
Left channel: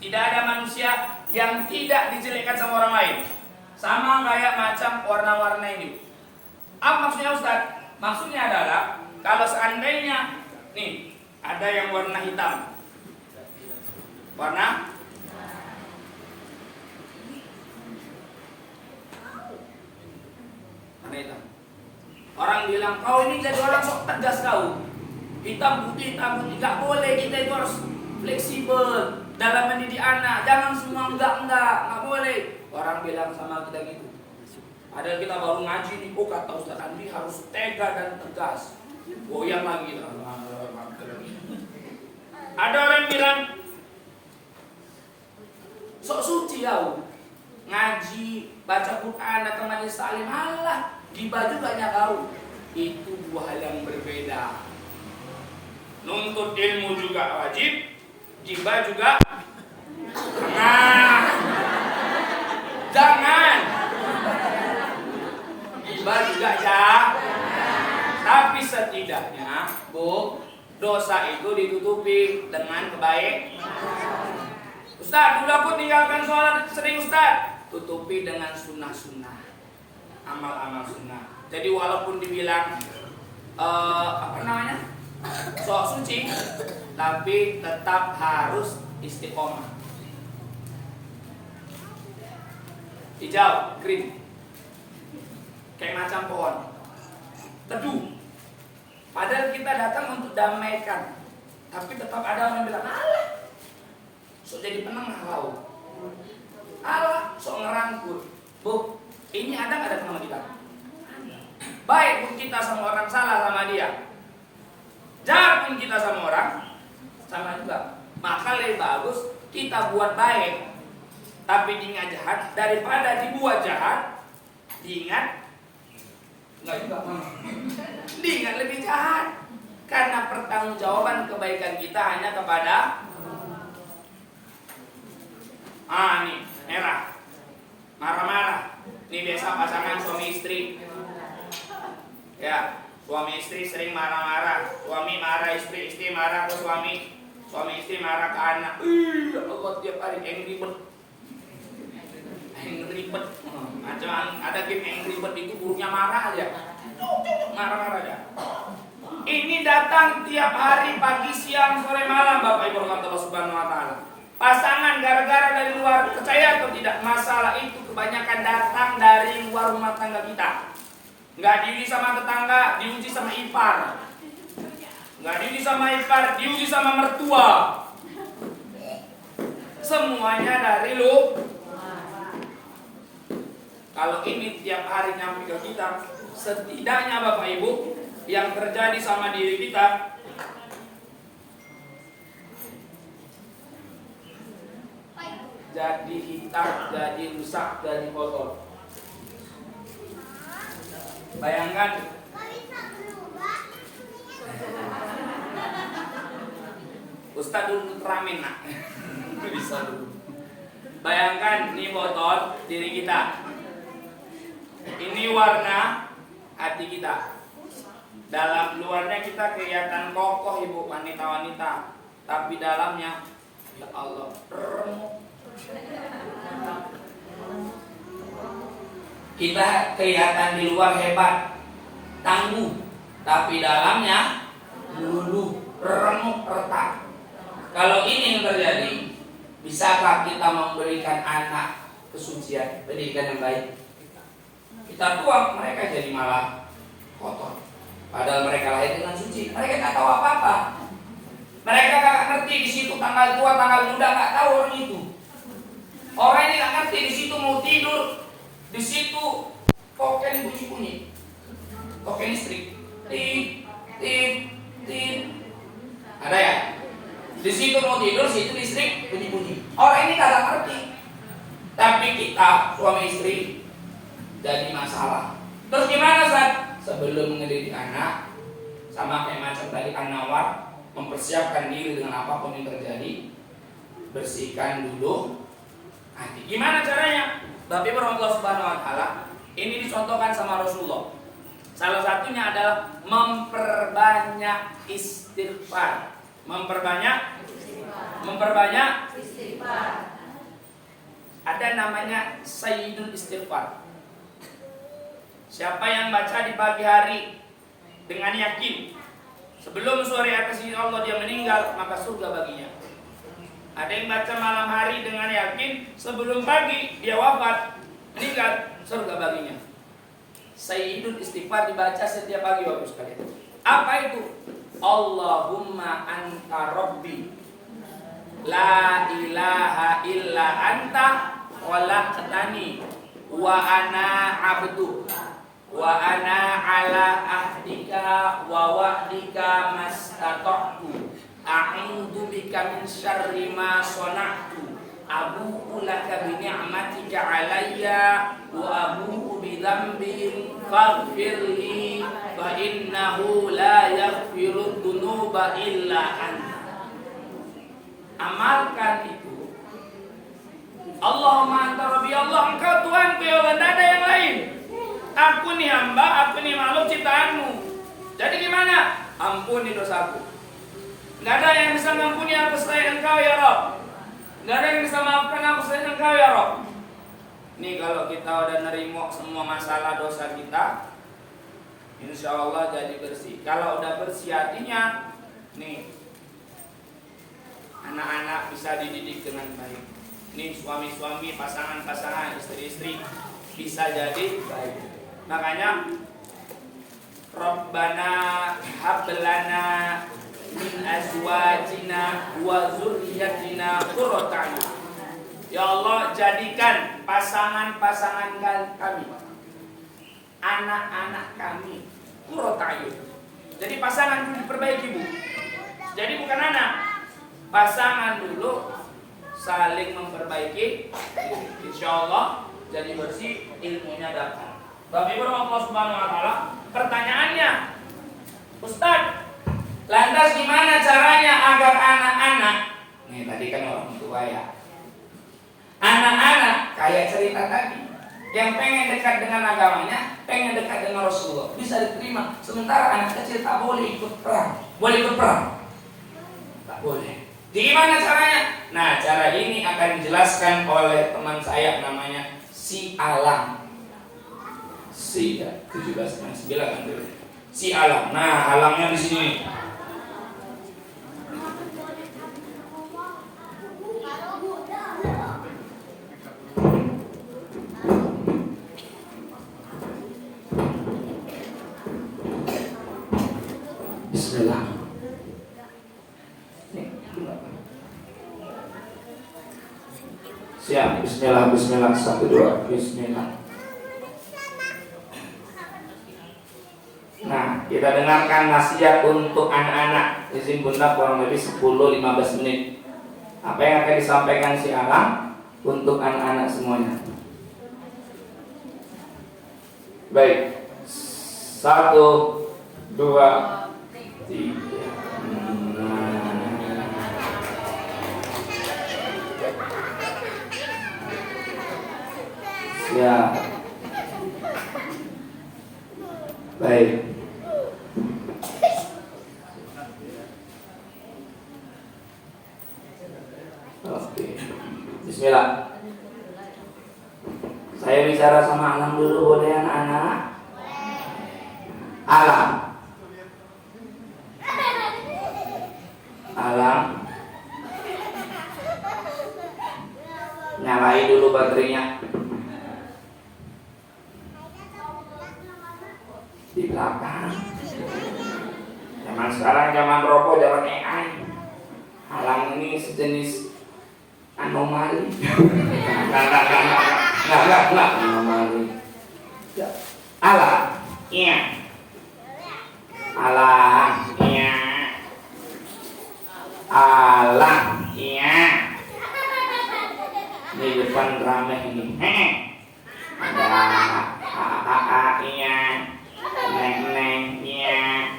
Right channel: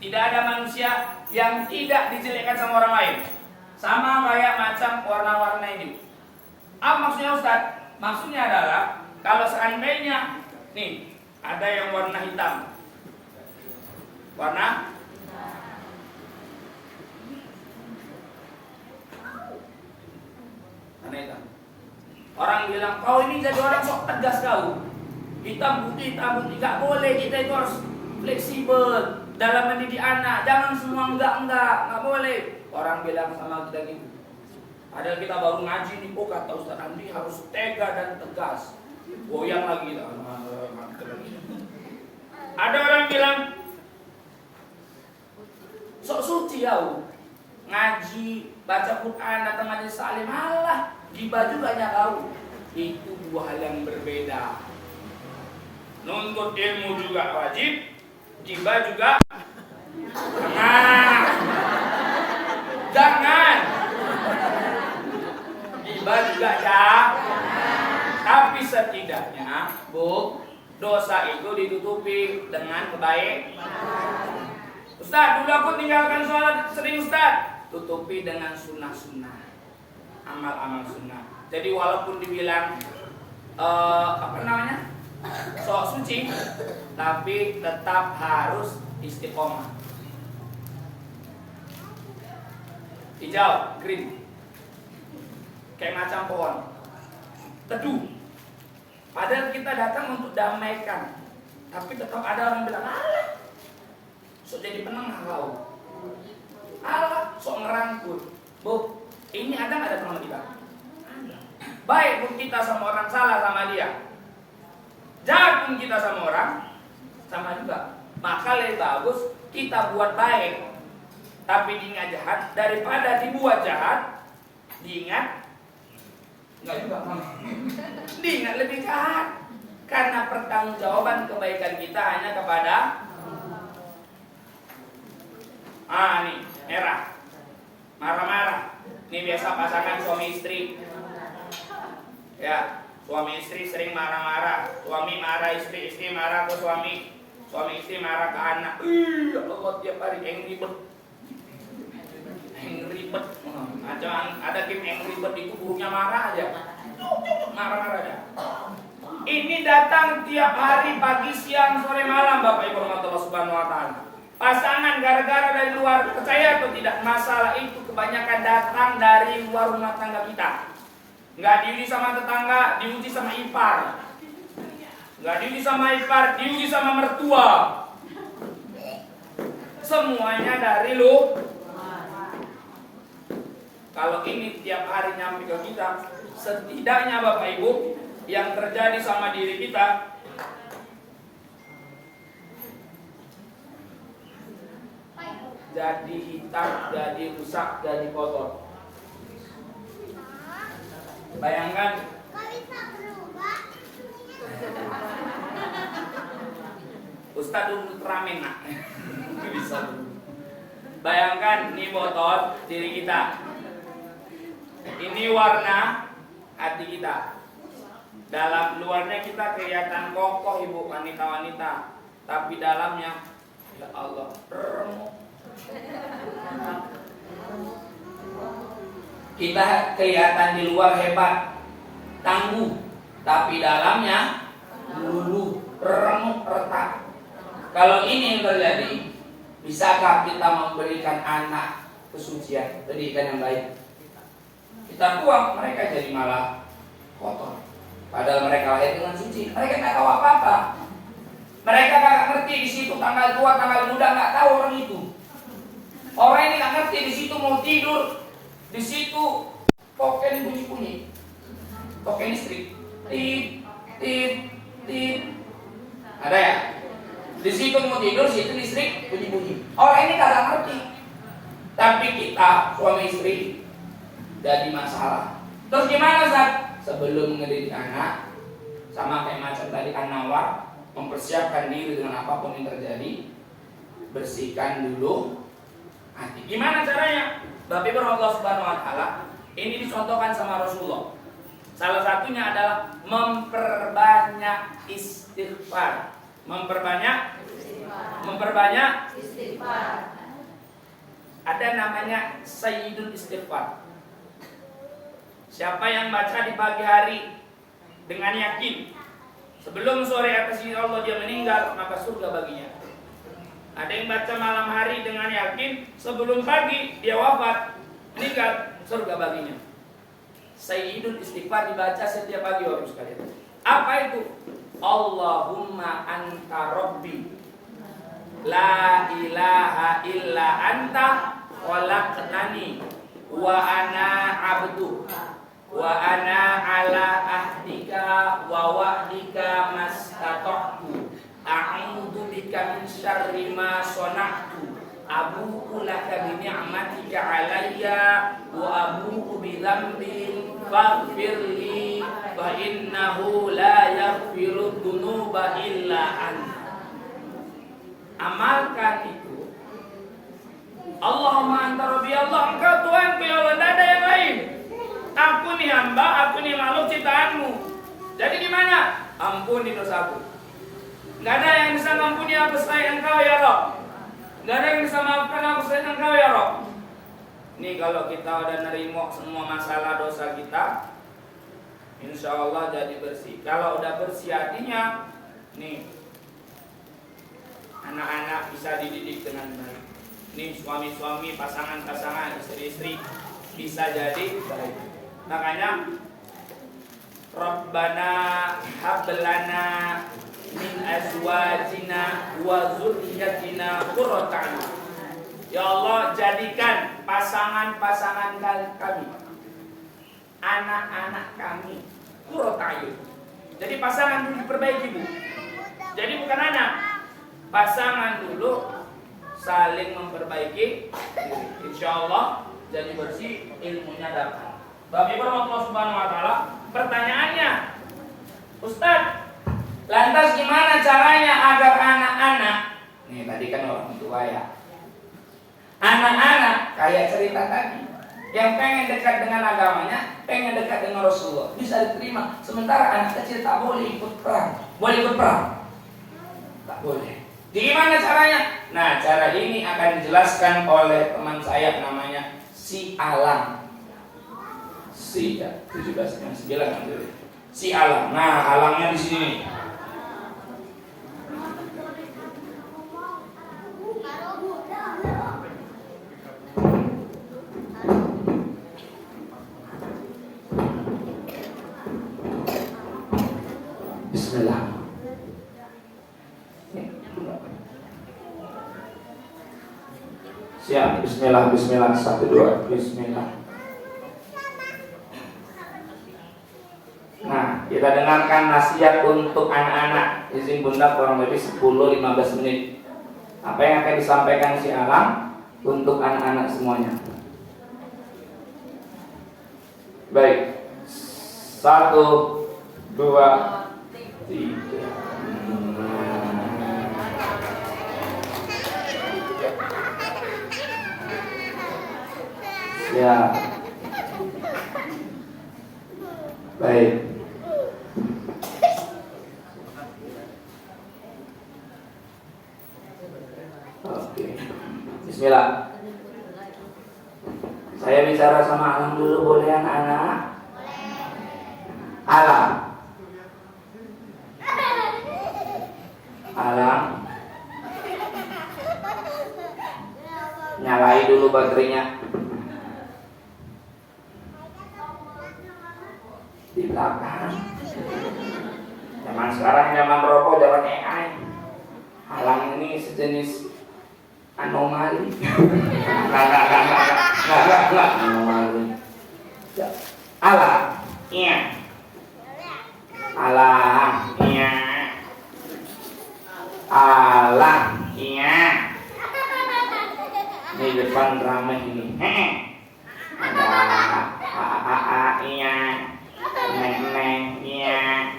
Tidak ada manusia yang tidak dijelekkan sama orang lain. Sama kayak macam warna-warna ini. Apa maksudnya Ustaz? Maksudnya adalah kalau seandainya nih ada yang warna hitam. Warna hitam. Orang bilang kau ini jadi orang sok tegas kau. Hitam putih, nggak boleh. Kita itu harus fleksibel dalam mendidik anak. Jangan semua enggak boleh. Orang bilang sama kita gitu. Padahal kita baru ngaji nih, kata Ustaz Andi harus tega dan tegas. Goyang lagi kita. Ada orang bilang sok suci kau. Ngaji, baca Quran, datang majelis taklim, alah, gibah juga kau. Itu dua hal yang berbeda. Nuntut ilmu juga wajib, gibah juga jangan. Gibah juga tapi setidaknya, Bu, dosa itu ditutupi dengan kebaikan. Ustaz, dulu aku tinggalkan sholat sering Ustaz. Tutupi dengan sunnah-sunnah, amal-amal sunnah. Jadi walaupun dibilang sok suci, tapi tetap harus istiqomah. Hijau, green, kayak macam pohon teduh. Padahal kita datang untuk damaikan, tapi tetap ada orang bilang, alah, sok jadi penengah kau, alah, sok ngerangkul. Bu, ini ada nggak datang sama kita? Baik pun kita sama orang salah sama dia, jahat pun kita sama orang sama juga. Maka lebih bagus kita buat baik tapi diingat jahat daripada dibuat jahat diingat enggak juga. Diingat lebih jahat, karena pertanggungjawaban kebaikan kita hanya kepada nih merah, marah-marah. Ini biasa pasangan suami istri. Ya, suami istri sering marah-marah. Suami marah istri, istri marah ke suami. Suami istri marah ke anak. Allah tiap hari angry bird. Angry bird. Macam ada game angry bird itu burungnya marah aja. Marah-marah aja. Ini datang tiap hari pagi, siang, sore, malam, Bapak Ibu Allah Subhanahu wa taala. Pasangan gara-gara dari luar, percaya atau tidak, masalah itu kebanyakan datang dari luar rumah tangga kita. Nggak diuji sama tetangga, diuji sama ipar. Nggak diuji sama ipar, diuji sama mertua. Semuanya dari lu. Kalau ini tiap hari nyampe ke kita, setidaknya Bapak Ibu, yang terjadi sama diri kita, jadi hitam, jadi rusak, jadi kotor. Bayangkan Ustaz dulu ramen nak. Bisa dulu. Bayangkan ini botol diri kita. Ini warna hati kita. Dalam luarnya kita kelihatan kokoh ibu wanita-wanita, tapi dalamnya ya Allah remuk. Kita kelihatan di luar hebat, tangguh, tapi dalamnya luluh, remuk, retak. Kalau ini yang terjadi, bisakah kita memberikan anak kesucian, pendidikan yang baik? Kita tuang, mereka jadi malah kotor. Padahal mereka lahir dengan suci. Mereka nggak tahu apa-apa. Mereka nggak ngerti di situ tanggal tua, tanggal muda, nggak tahu orang itu. Orang ini nggak ngerti di situ mau tidur. Di situ token bunyi-bunyi, token listrik, tit, tit, tit. Ada ya? Di situ mau tidur, situ listrik bunyi-bunyi. Orang ini kagak ngerti. Tapi kita suami istri jadi masalah. Terus gimana Ustaz? Sebelum ngedidik anak, sama kayak macam tadi An-Nawar, mempersiapkan diri dengan apapun yang terjadi, bersihkan dulu hati. Gimana caranya? Bapak Ibu Allah Subhanahu wa taala, ini dicontohkan sama Rasulullah. Salah satunya adalah memperbanyak istighfar. Memperbanyak istighfar. Ada namanya Sayyidul Istighfar. Siapa yang baca di pagi hari dengan yakin sebelum sore atas izin Allah dia meninggal, maka surga baginya. Ada yang baca malam hari dengan yakin sebelum pagi dia wafat, meninggal, surga baginya. Sayyidul Istighfar dibaca setiap pagi Bapak sekalian. Apa itu? Allahumma anta rabbi la ilaha illa anta khalaqtani wa ana abdu wa ana ala ahdika wa wa'dika mastata'tu a'udzu bika min syarri ma sana'tu abu'u laka bi ni'matika 'alayya wa abu'u bi dzambi faghfirli fa innahu la yaghfiru dzunuba illa anta. Amalkan itu. Allahumma anta rabbi, Allah engkau Tuhanku ya Allah, tidak ada yang lain. Aku nih hamba, aku nih makhluk ciptaanmu. Jadi gimana? Ampuni dosaku. Nggak ada yang bisa mengampuni aku selain engkau ya Rabb. Nggak ada yang bisa maafkan aku selain engkau ya Rabb. Nih kalau kita udah nerimo semua masalah dosa kita, insya Allah jadi bersih. Kalau udah bersih hatinya, nih anak-anak bisa dididik dengan baik. Nih suami-suami, pasangan-pasangan, istri-istri bisa jadi baik. Makanya Rabbana hablana min azwajina wa zurriyyatina qurrata a'yun. Ya Allah, jadikan pasangan-pasangan kami, anak-anak kami qurrata a'yun. Jadi pasangan dulu diperbaiki, Bu. Jadi bukan anak. Pasangan dulu saling memperbaiki diri. Insya Allah jadi bersih, ilmunya datang. Bapak Ibu Allah Subhanahu Wa Taala. Pertanyaannya, Ustadz, lantas gimana caranya agar anak-anak, nih tadi kan orang tua ya, anak-anak kayak cerita tadi, yang pengen dekat dengan agamanya, pengen dekat dengan Rasulullah, bisa diterima. Sementara anak kecil tak boleh ikut perang, boleh ikut perang, tak boleh. Gimana caranya? Nah, cara ini akan dijelaskan oleh teman saya namanya Si Alam. Si ya, 17 9 kan dulu. Si Alam. Nah, alangnya di sini. Bismillah. Siap, bismillah, bismillah, 1, 2, bismillah. Nah, kita dengarkan nasihat untuk anak-anak. Izin Bunda kurang lebih 10-15 menit. Apa yang akan disampaikan si Alam untuk anak-anak semuanya? Baik. 1, 2, 3. Ya, baik. Oke, bismillah. Saya bicara sama Alam dulu, boleh anak-anak? Alam. Alam. Nyalai dulu baterainya. Di belakang. Zaman sekarang zaman rokok, zaman AI. Alang ini sejenis anomali. Enggak anomali. Alang, iya. Alang, iya. Alang, iya. Di depan ramai ini. Ada iya. Neng, iya.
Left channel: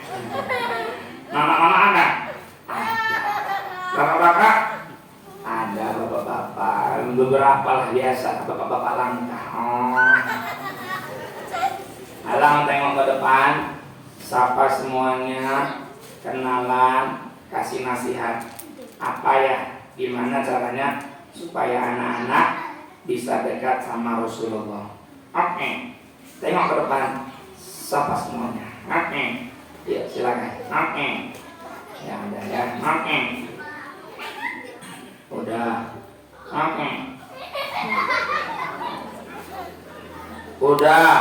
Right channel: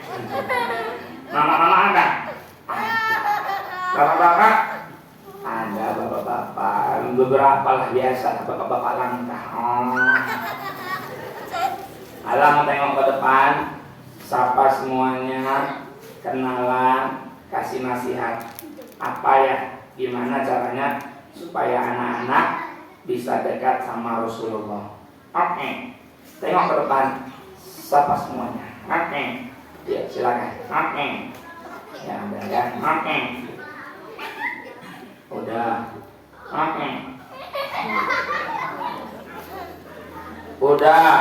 Mama ada? Ada. Bapak-bapak? Ada bapak-bapak. Beberapa lah biasa, bapak-bapak langka. Oh. Alang tengok ke depan, sapa semuanya, kenalan, kasih nasihat. Apa ya, gimana caranya supaya anak-anak bisa dekat sama Rasulullah. Oke, tengok ke depan, sapa semuanya. Oke, ya silakan. Oke, ya udah ya. Oke, udah. Oke, udah.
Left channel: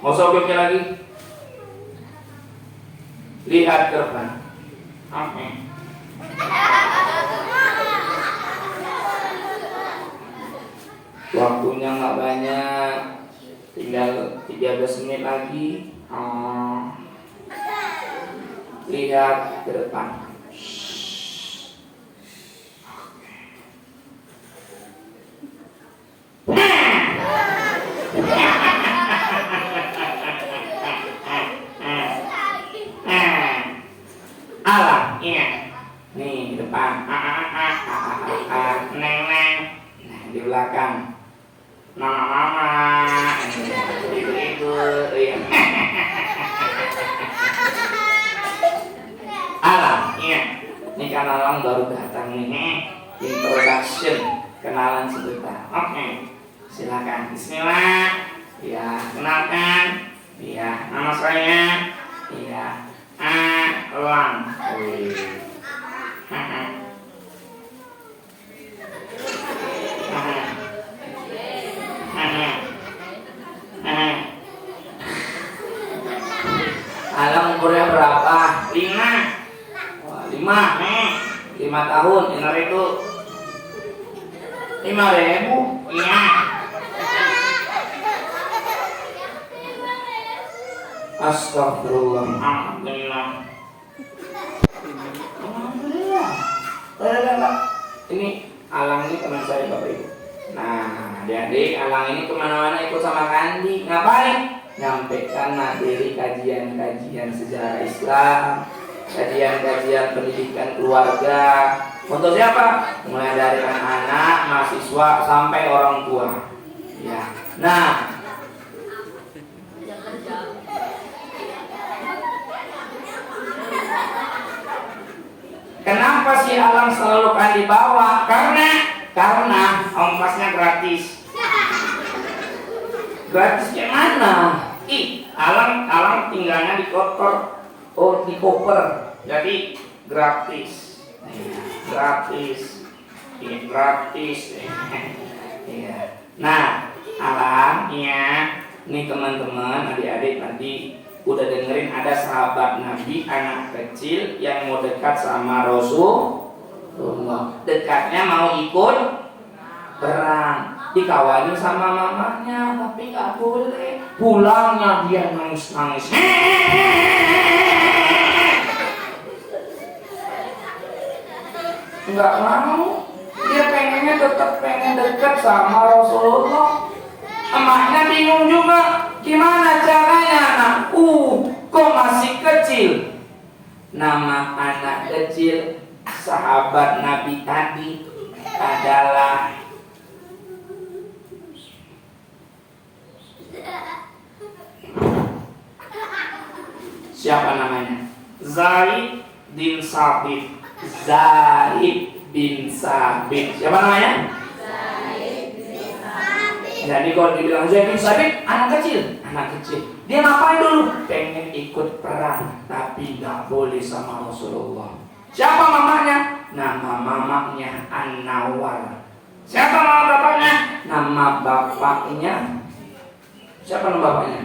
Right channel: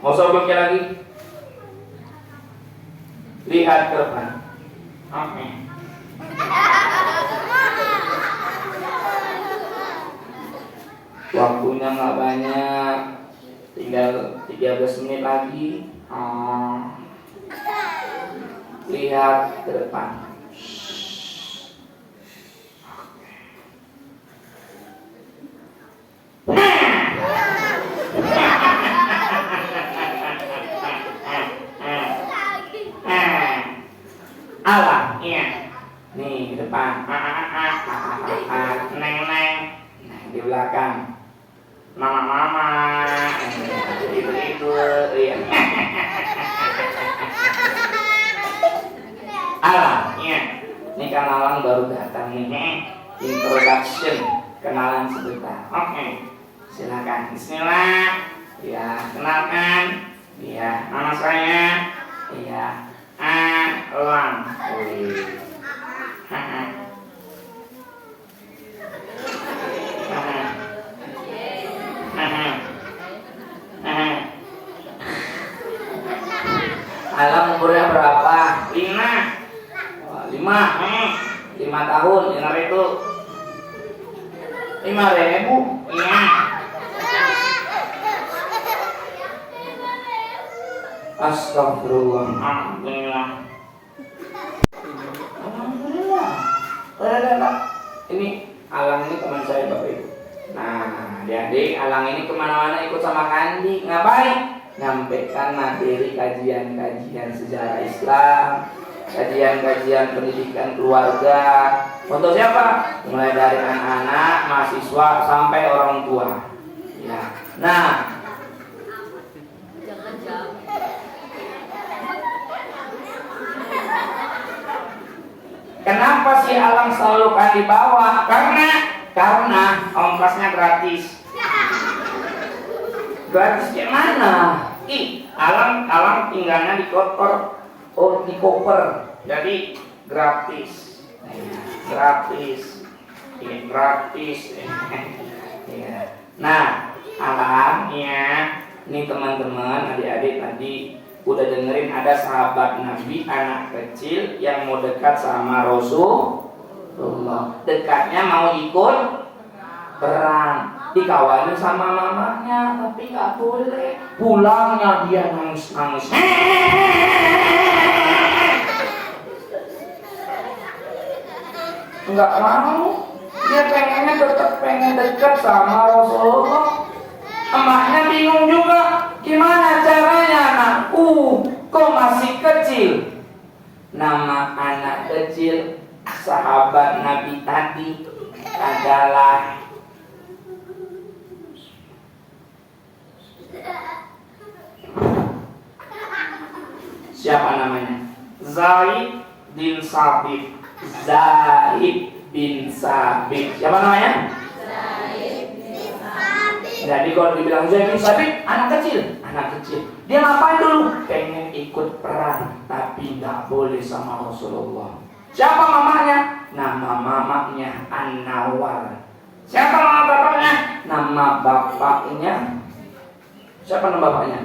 Mau sobek lagi? Lihat ke depan. Oke. Waktunya nggak banyak, tinggal 13 menit lagi. Lihat ke depan. Alah, iya. Nih depan. Neng. Nah, di belakang. Mama. Itu. Iya. Alah, iya. Ini kenalan baru datang nih. Introduction, kenalan sebentar. Oke. Silakan. Bismillah. Ya, kenalkan. Ya, nama saya. Ya. Alang. Alang umurnya berapa? 5 tahun. Benar itu 5.000. Iya. Astagfirullah. Alhamdulillah. Ini Alang ini teman saya Bapak Ibu. Nah, adik-adik, Alang ini kemana-mana ikut sama Kandi. Ngapain? Nyampaikan materi kajian-kajian sejarah Islam, kajian-kajian pendidikan keluarga. Untuk siapa? Mulai dari anak-anak, mahasiswa sampai orang tua. Ya. Nah, kenapa si Alang selalu kan dibawa? Karena ongkosnya gratis. Gratis gimana? Alang tinggalnya di koper. Oh, di koper. Jadi gratis. Gratis. Iya, gratis. Iya. Nah, Alang ya. Ini teman-teman, adik-adik tadi udah dengerin ada sahabat Nabi anak kecil yang mau dekat sama Rasulullah. Dekatnya mau ikut perang, dikawalin sama mamanya, tapi nggak boleh. Pulangnya dia nangis. Nggak mau. Dia pengennya tetap pengen dekat sama Rasulullah. Emaknya bingung juga, gimana caranya anakku, kok masih kecil. Nama anak kecil sahabat Nabi tadi adalah siapa namanya? Zaid bin Sabit. Siapa namanya? Jadi kalau dibilang Zaid bin Sabit, anak kecil. Dia ngapain dulu? Pengen ikut perang, tapi nggak boleh sama Rasulullah. Siapa mamanya? Nama mamanya An-Nawar. Siapa nama bapaknya? Nama bapaknya. Siapa nama bapaknya?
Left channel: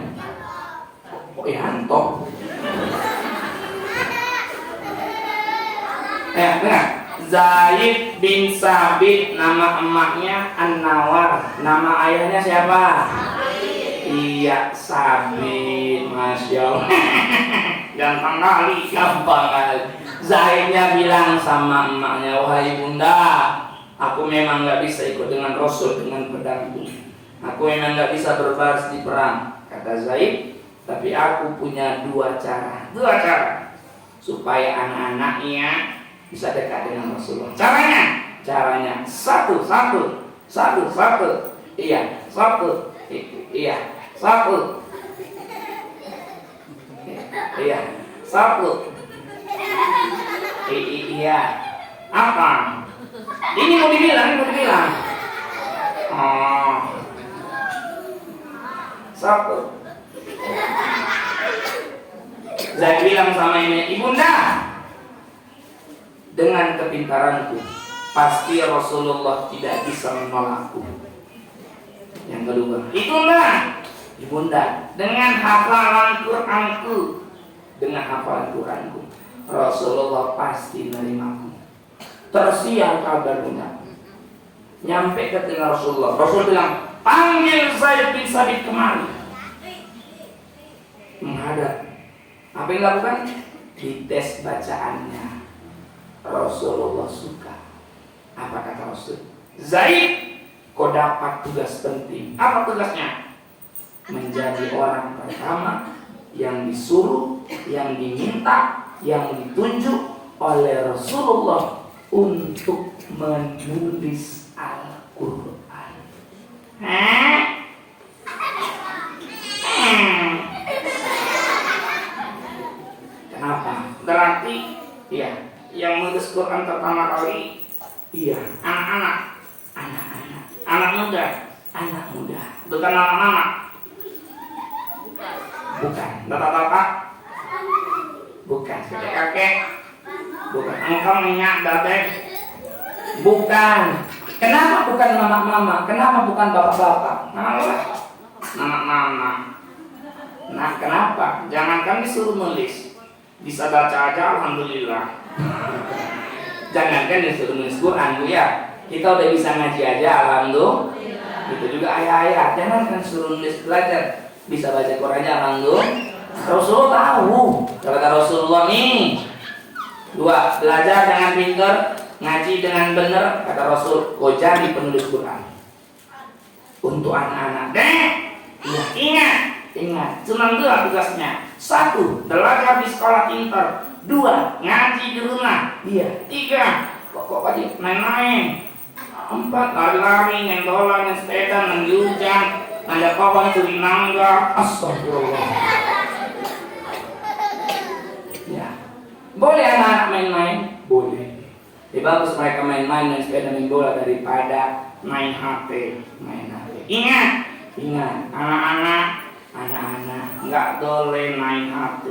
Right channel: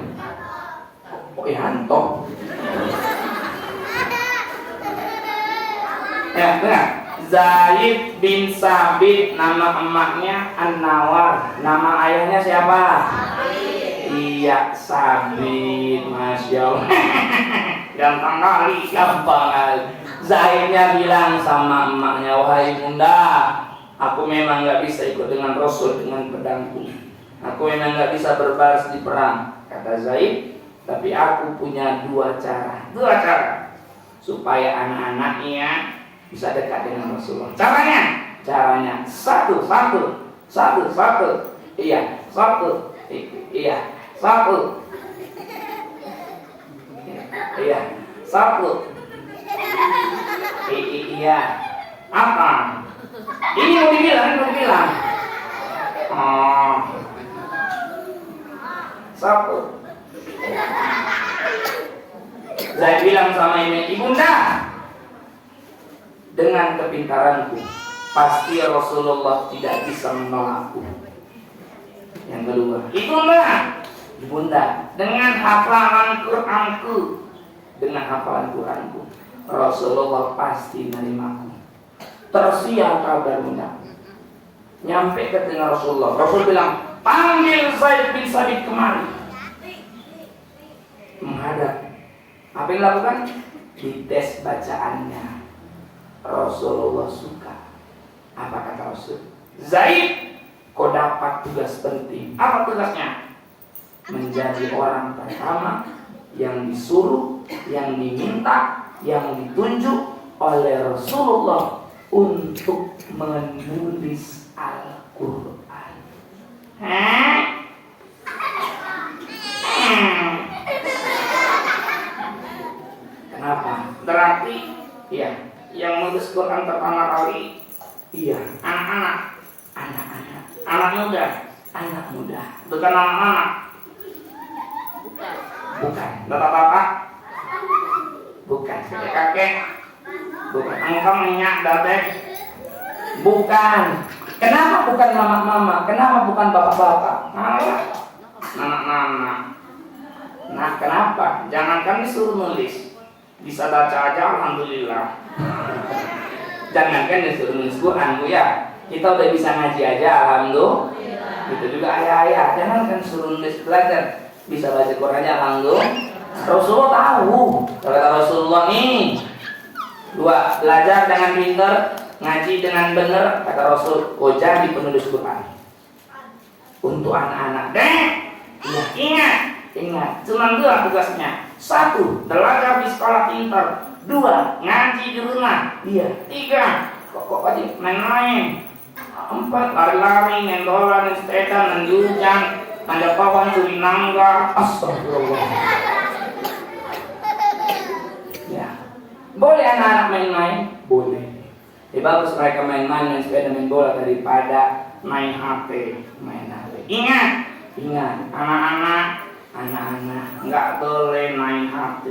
Yanto. Dengar. Zaid bin Sabit, nama emaknya An-Nawar. Nama ayahnya siapa? Iya, Sabit. Masya Allah. Gampang kali. Zaidnya bilang sama emaknya, wahai bunda, aku memang gak bisa ikut dengan Rasul dengan pedangku. Aku memang gak bisa berbaris di perang, kata Zaid. Tapi aku punya dua cara supaya anak-anaknya bisa dekat dengan Rasulullah. Caranya satu. Iya, satu. Iya, sabut. Iya. Apa? Ini mau dibilang. Oh. Sabut. Saya bilang sama ibunda, dengan kepintaranku pasti Rasulullah tidak bisa menolakku. Yang kedua, ibunda, dengan hafalan Quranku, Rasulullah pasti menerimaku. Tersiar kabar bunda, nyampe ke telinga Rasulullah. Rasul bilang, panggil Zaid bin Sabit kemari. Menghadap. Apa yang dilakukan? Dites bacaannya. Rasulullah suka. Apa kata Rasul? Zaid, kau dapat tugas penting. Apa tugasnya? Menjadi orang pertama yang disuruh, yang diminta, yang ditunjuk oleh Rasulullah untuk menulis Al-Quran. Kenapa? Berarti ya, yang menulis Quran pertama kali anak-anak, anak muda, bukan anak-anak, bukan bapak-bapak, bukan kakek-kakek, bukan engkau minyak dadek, bukan. Kenapa bukan mama-mama? Kenapa bukan bapak-bapak? Malah anak-anak. Nah, kenapa? Jangankan disuruh nulis, bisa baca aja alhamdulillah. Jangankan disuruh nulis Quran, Bu ya. Kita udah bisa ngaji aja alhamdulillah. Itu juga ayah-ayah. Jangankan suruh nulis belajar, bisa baca Quran aja alhamdulillah. Rasulullah tahu. Kata Rasulullah nih, 2, belajar dengan pintar, ngaji dengan benar. Kata Rasul, kau jadi penulis Quran. Untuk anak-anak, ya ingat, cuma 2 tugasnya. 1, belajar di sekolah pintar. 2, ngaji di rumah. 3, kok wajib main-main. 4, lari-lari, ngendolan, sepeda, menjujang, manjat pohon, curi nangga. Astagfirullah. Ya, boleh anak-anak main-main? Boleh. Bagus mereka main-main dan sepeda main bola daripada main HP. Ingat, anak-anak nggak boleh main HP.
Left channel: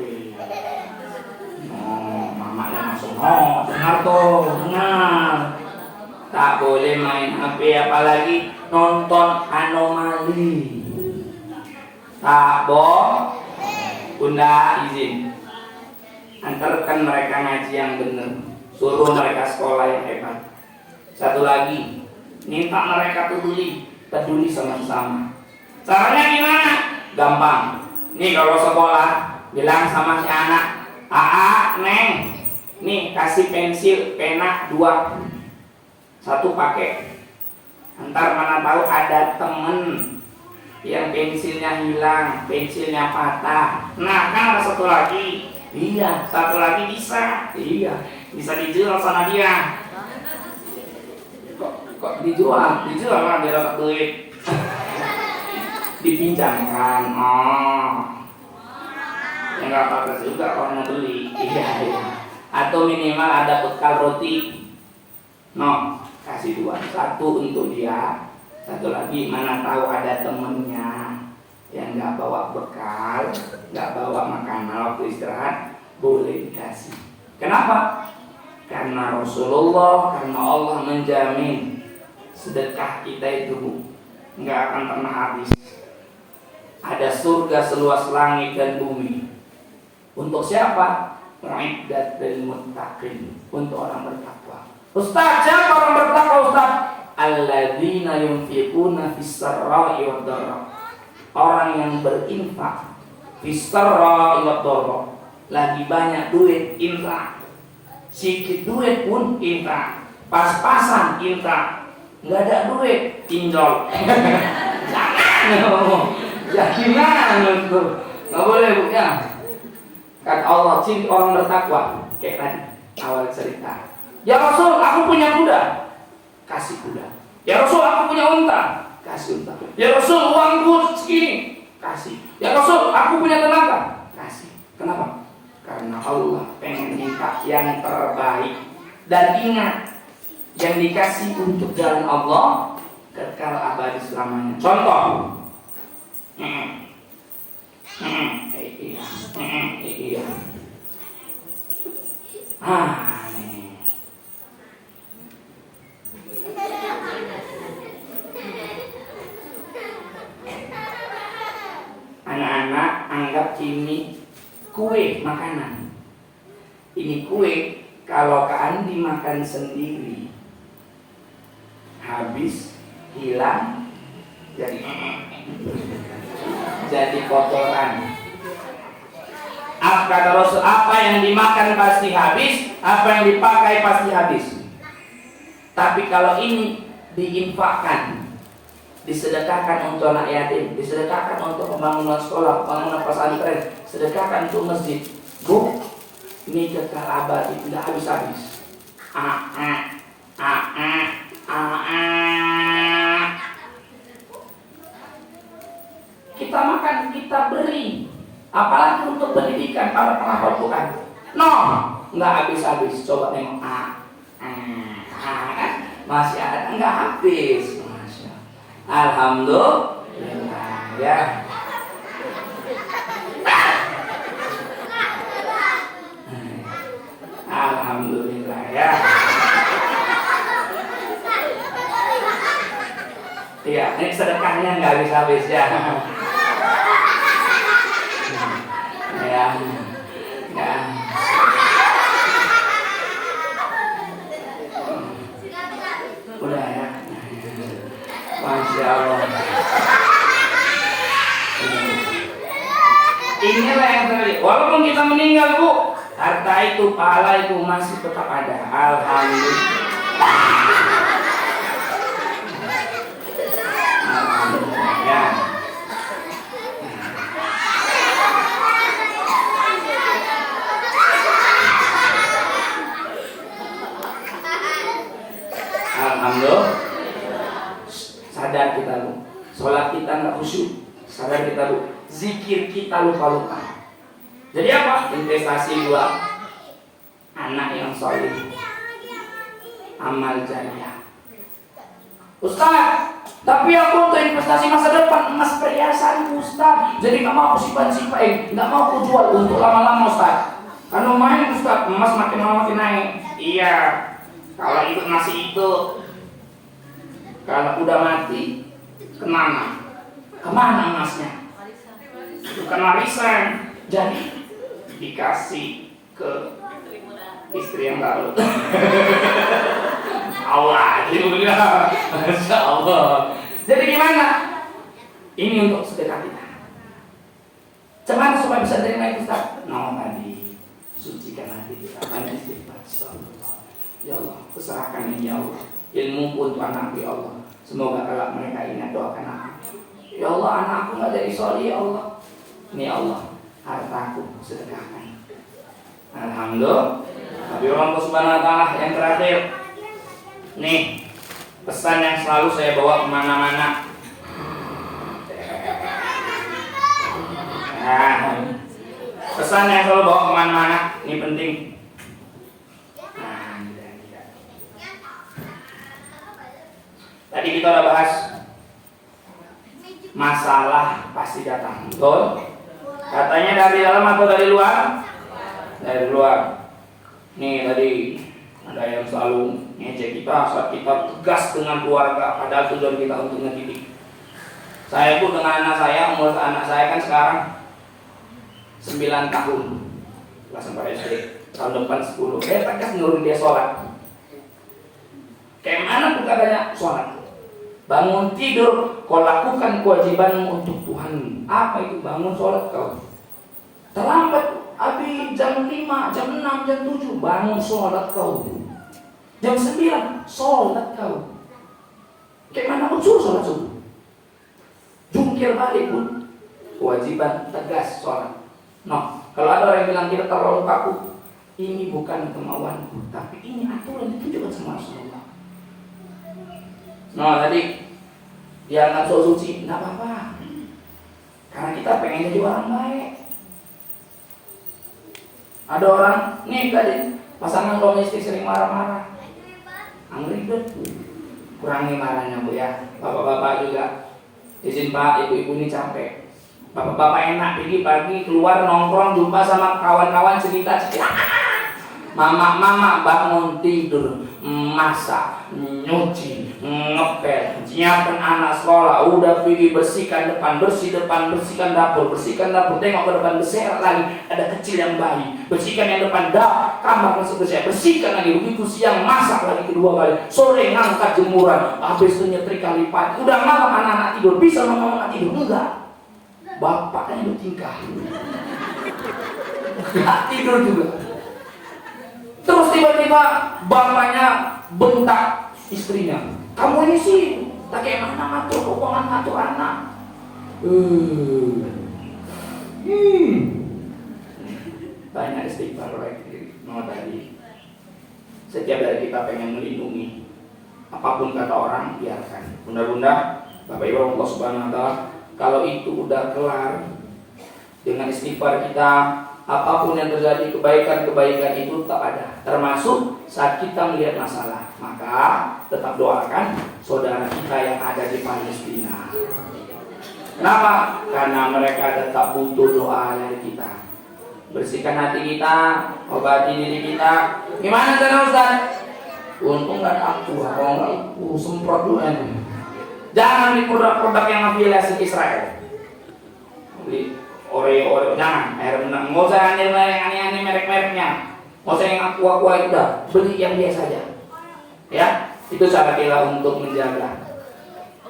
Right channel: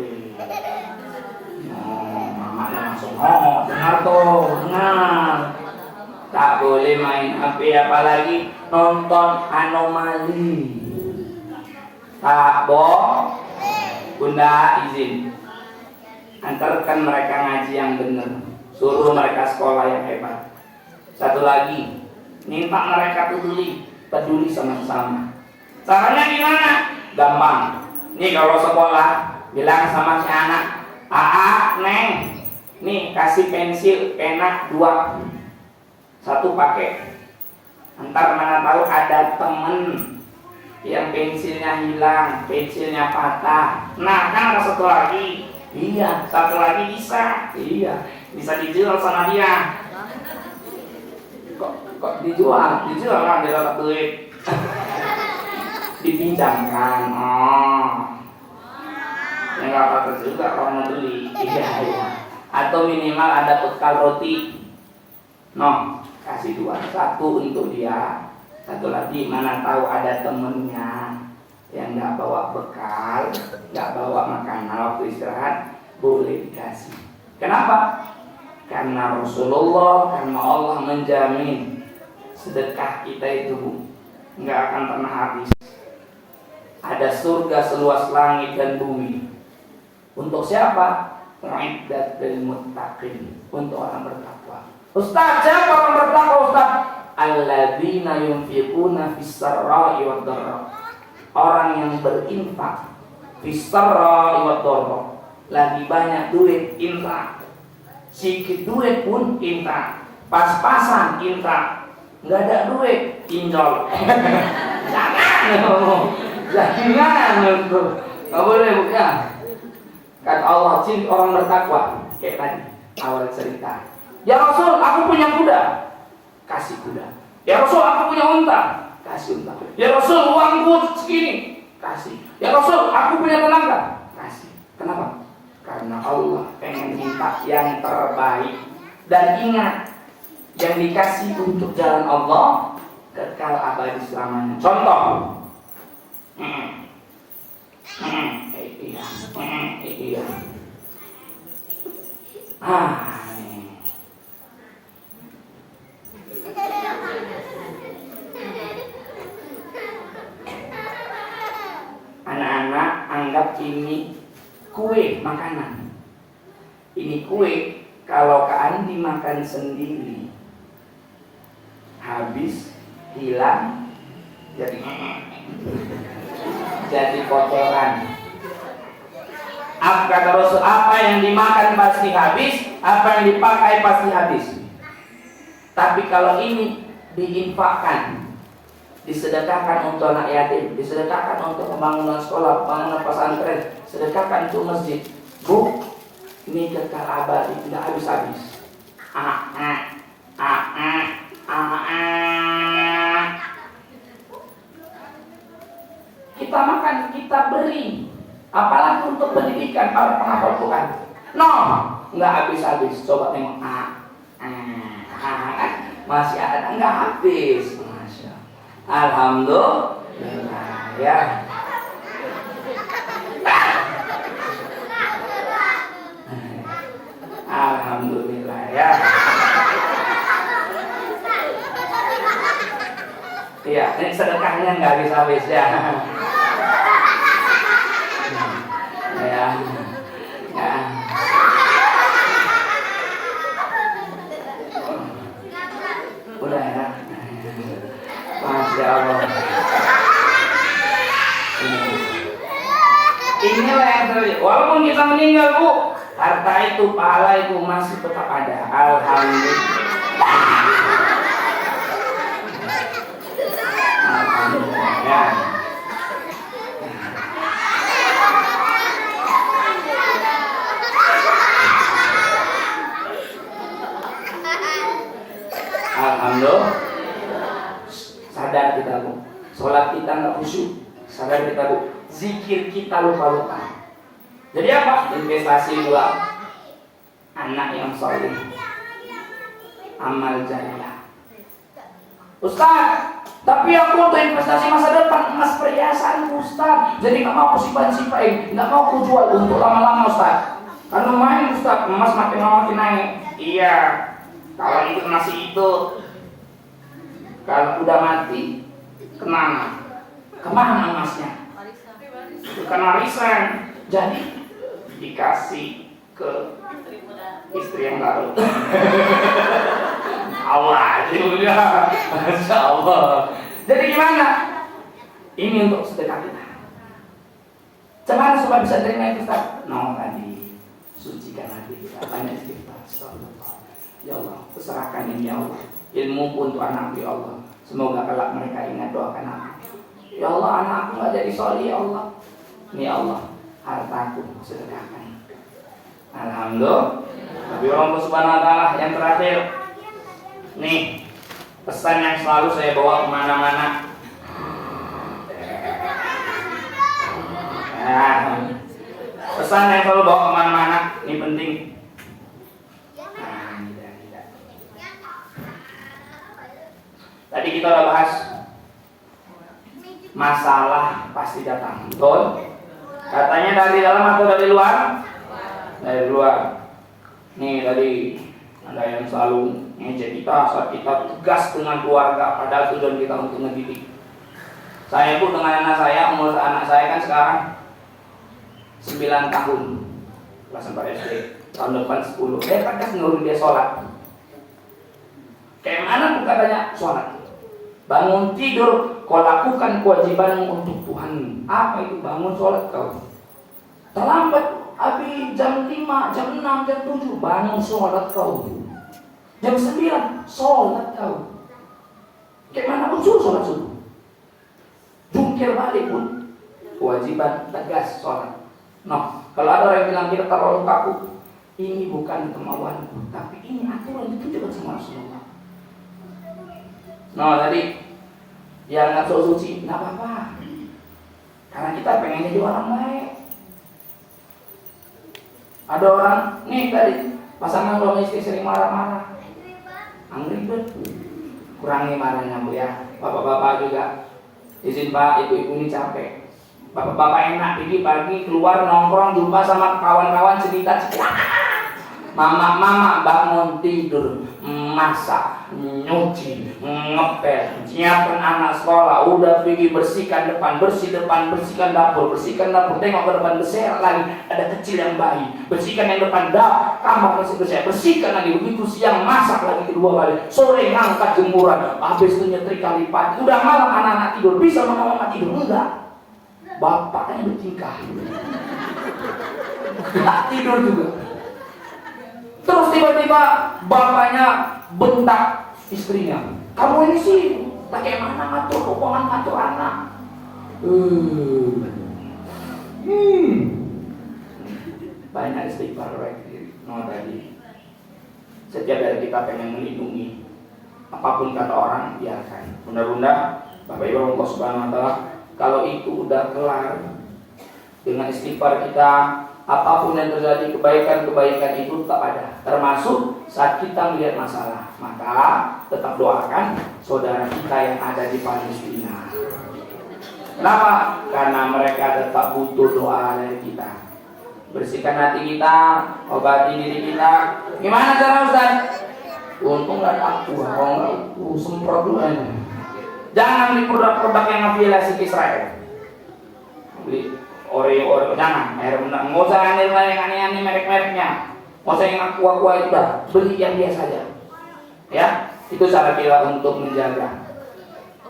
Mama langsung, benar tuh, benar. Tak boleh main HP, apalagi nonton anomali. Tak boleh. Bunda izin, antarkan mereka ngaji yang benar, suruh mereka sekolah yang hebat. 1 lagi, minta mereka peduli sama-sama. Caranya gimana? Gampang. Nih kalau sekolah, bilang sama si anak, Neng, nih kasih pensil, pena 2. 1 pakai. Ntar mana tahu ada temen yang pensilnya hilang, pensilnya patah. Nah, kan ada 1 lagi. Iya, 1 lagi bisa. Iya, bisa dijual sama dia. Kok dijual? Dijual lah, dia dapat duit. Dipinjamkan. Yang nggak apa-apa juga kalau mau beli. Iya. Atau minimal ada bekal roti. Kasih 2. 1 untuk dia. 1 lagi mana tahu ada temennya yang nggak bawa bekal, nggak bawa makanan waktu istirahat, boleh dikasih. Kenapa? Karena Rasulullah, karena Allah menjamin sedekah kita itu nggak akan pernah habis. Ada surga seluas langit dan bumi. Untuk siapa? Mu'iddat lil muttaqin, untuk orang bertakwa. Ustaz, siapa orang bertakwa Ustaz? Alladzina yunfiquna fis sarra'i wad dharra. Orang yang berinfak fis sarra'i wad dharra. Lagi banyak duit infak. Sikit duit pun infak. Pas-pasan infak. Enggak ada duit pinjol. Jangan itu. Enggak boleh, Bu ya. Kata Allah, ciri orang bertakwa kayak tadi awal cerita. Ya Rasul, aku punya kuda, kasih kuda. Ya Rasul, aku punya unta, kasih unta. Ya Rasul, uangku segini, kasih. Ya Rasul, aku punya tenaga, kasih. Kenapa? Karena Allah pengen minta yang terbaik. Dan ingat, yang dikasih untuk jalan Allah kekal abadi selamanya. Contoh, iya. Nih. Anak-anak anggap ini kue makanan. Ini kue kalau Kak Andi makan sendiri habis, hilang, jadi kotoran. Kata Rasul, apa yang dimakan pasti habis, apa yang dipakai pasti habis. Tapi kalau ini diinfakkan, disedekahkan untuk anak yatim, disedekahkan untuk pembangunan sekolah, pembangunan pesantren, sedekahkan untuk masjid, Bu, ini kekal abadi, tidak habis-habis. Kita makan, kita beri, apalagi untuk pendidikan para penghafal Quran. No, nggak habis-habis. Coba tengok, masih ada, nggak habis. Masya Allah. Alhamdulillah ya. Alhamdulillah ya. Iya, ini sedekahnya nggak habis-habis ya. Ya. Udah ya. Masya Allah. Inilah yang terjadi. Walaupun kita meninggal, Bu, harta itu, pahala itu masih tetap ada. Alhamdulillah. Alhamdulillah ya. Alhamdulillah. Sadar kita, Bu. Sholat kita nggak khusyuk. Sadar kita, Bu. Zikir kita lupa-lupa. Jadi apa? Investasi dua. Anak yang soleh. Amal jariah. Ustaz, tapi aku untuk investasi masa depan, emas perhiasan, Ustaz. Jadi nggak mau aku simpan, nggak mau aku jual untuk lama-lama, Ustaz. Kalau main, Ustaz, emas makin lama makin naik. Iya. Kalau itu masih itu, kalau udah mati, kemana? Kemana emasnya? Bukan warisan. Jadi dikasih ke istri yang baru. Allah, Masya Allah. Jadi gimana? Ini untuk sedekah kita. Cuman supaya bisa terima itu, Ustaz. No, tadi sucikan hati kita. Banyak istighfar. Ya Allah, serahkan ini ya Allah. Ilmu untuk anakku ya Allah. Semoga kelak mereka ingat doakan aku. Ya Allah, anakku nggak jadi soleh ya Allah. Ini ya Allah, hartaku sedekahkan. Alhamdulillah. Tapi Allah Subhanahu wa Ta'ala yang terakhir. Nih, pesan yang selalu saya bawa kemana-mana. Pesan yang selalu bawa kemana-mana. Ini penting. Tadi kita udah bahas masalah pasti datang, betul? Katanya dari dalam atau dari luar? Dari luar. Nih tadi ada yang selalu ngejek kita saat kita tegas dengan keluarga, padahal tujuan kita untuk ngedidik. Saya pun dengan anak saya, umur anak saya kan sekarang 9 tahun, kelas 4 SD, tahun depan 10. Saya tegas nyuruh dia sholat. Kayak mana pun katanya sholat. Bangun tidur, kau lakukan kewajibanmu untuk Tuhan. Apa itu bangun sholat kau? Terlambat, habis jam 5, jam 6, jam 7, bangun sholat kau. Jam 9, sholat kau. Kayak mana pun suruh sholat subuh. Jungkir balik pun, kewajiban tegas sholat. No, kalau ada orang yang bilang kita terlalu kaku, ini bukan kemauanku, tapi ini aturan ditunjukkan sama Rasulullah. No, tadi yang nggak suci, nggak apa-apa, karena kita pengen jadi orang baik. Ada orang nih tadi pasangan domestik sering marah-marah, ribet, kurangi marahnya Bu ya. Bapak-bapak juga, izin Pak, ibu-ibu ini capek. Bapak-bapak enak pagi-pagi keluar nongkrong jumpa sama kawan-kawan cerita. Mama bangun tidur, masak, nyuci, ngepel, nyiapin anak sekolah, udah pergi bersihkan depan, bersihkan dapur, tengok ke depan berserak lagi, ada kecil yang bayi, bersihkan yang depan kamar masih bersih, bersihkan lagi, begitu siang masak lagi kedua kali, sore ngangkat jemuran, habis itu nyetrika lipat, udah malam anak-anak tidur, bisa mama tidur, enggak, bapaknya bertingkah, enggak tidur juga. Terus tiba-tiba bapaknya bentak istrinya. Kamu ini sih tak kayak mana ngatur keuangan, ngatur anak. Banyak istighfar tadi. Setiap dari kita pengen melindungi. Apapun kata orang, biarkan. Bunda-bunda, Bapak Ibu Allah Subhanahu wa Ta'ala, kalau itu udah kelar dengan istighfar kita, apapun yang terjadi, kebaikan-kebaikan itu tetap ada. Termasuk saat kita melihat masalah, maka tetap doakan saudara kita yang ada di Palestina. Kenapa? Karena mereka tetap butuh doa dari kita. Bersihkan hati kita, obati diri kita. Gimana cara Ustaz? Untung gak ada aku, kalau gak aku semprot dulu. Jangan beli produk-produk yang afiliasi Israel. Beli Oreo, jangan, air benang, nggak usah yang aneh-aneh merek-mereknya, nggak usah yang aqua itu dah, beli yang biasa aja, ya, itu cara kita untuk menjaga.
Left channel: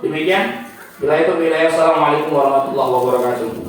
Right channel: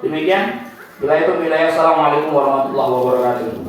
Demikian, bila itu, Assalamualaikum warahmatullahi wabarakatuh.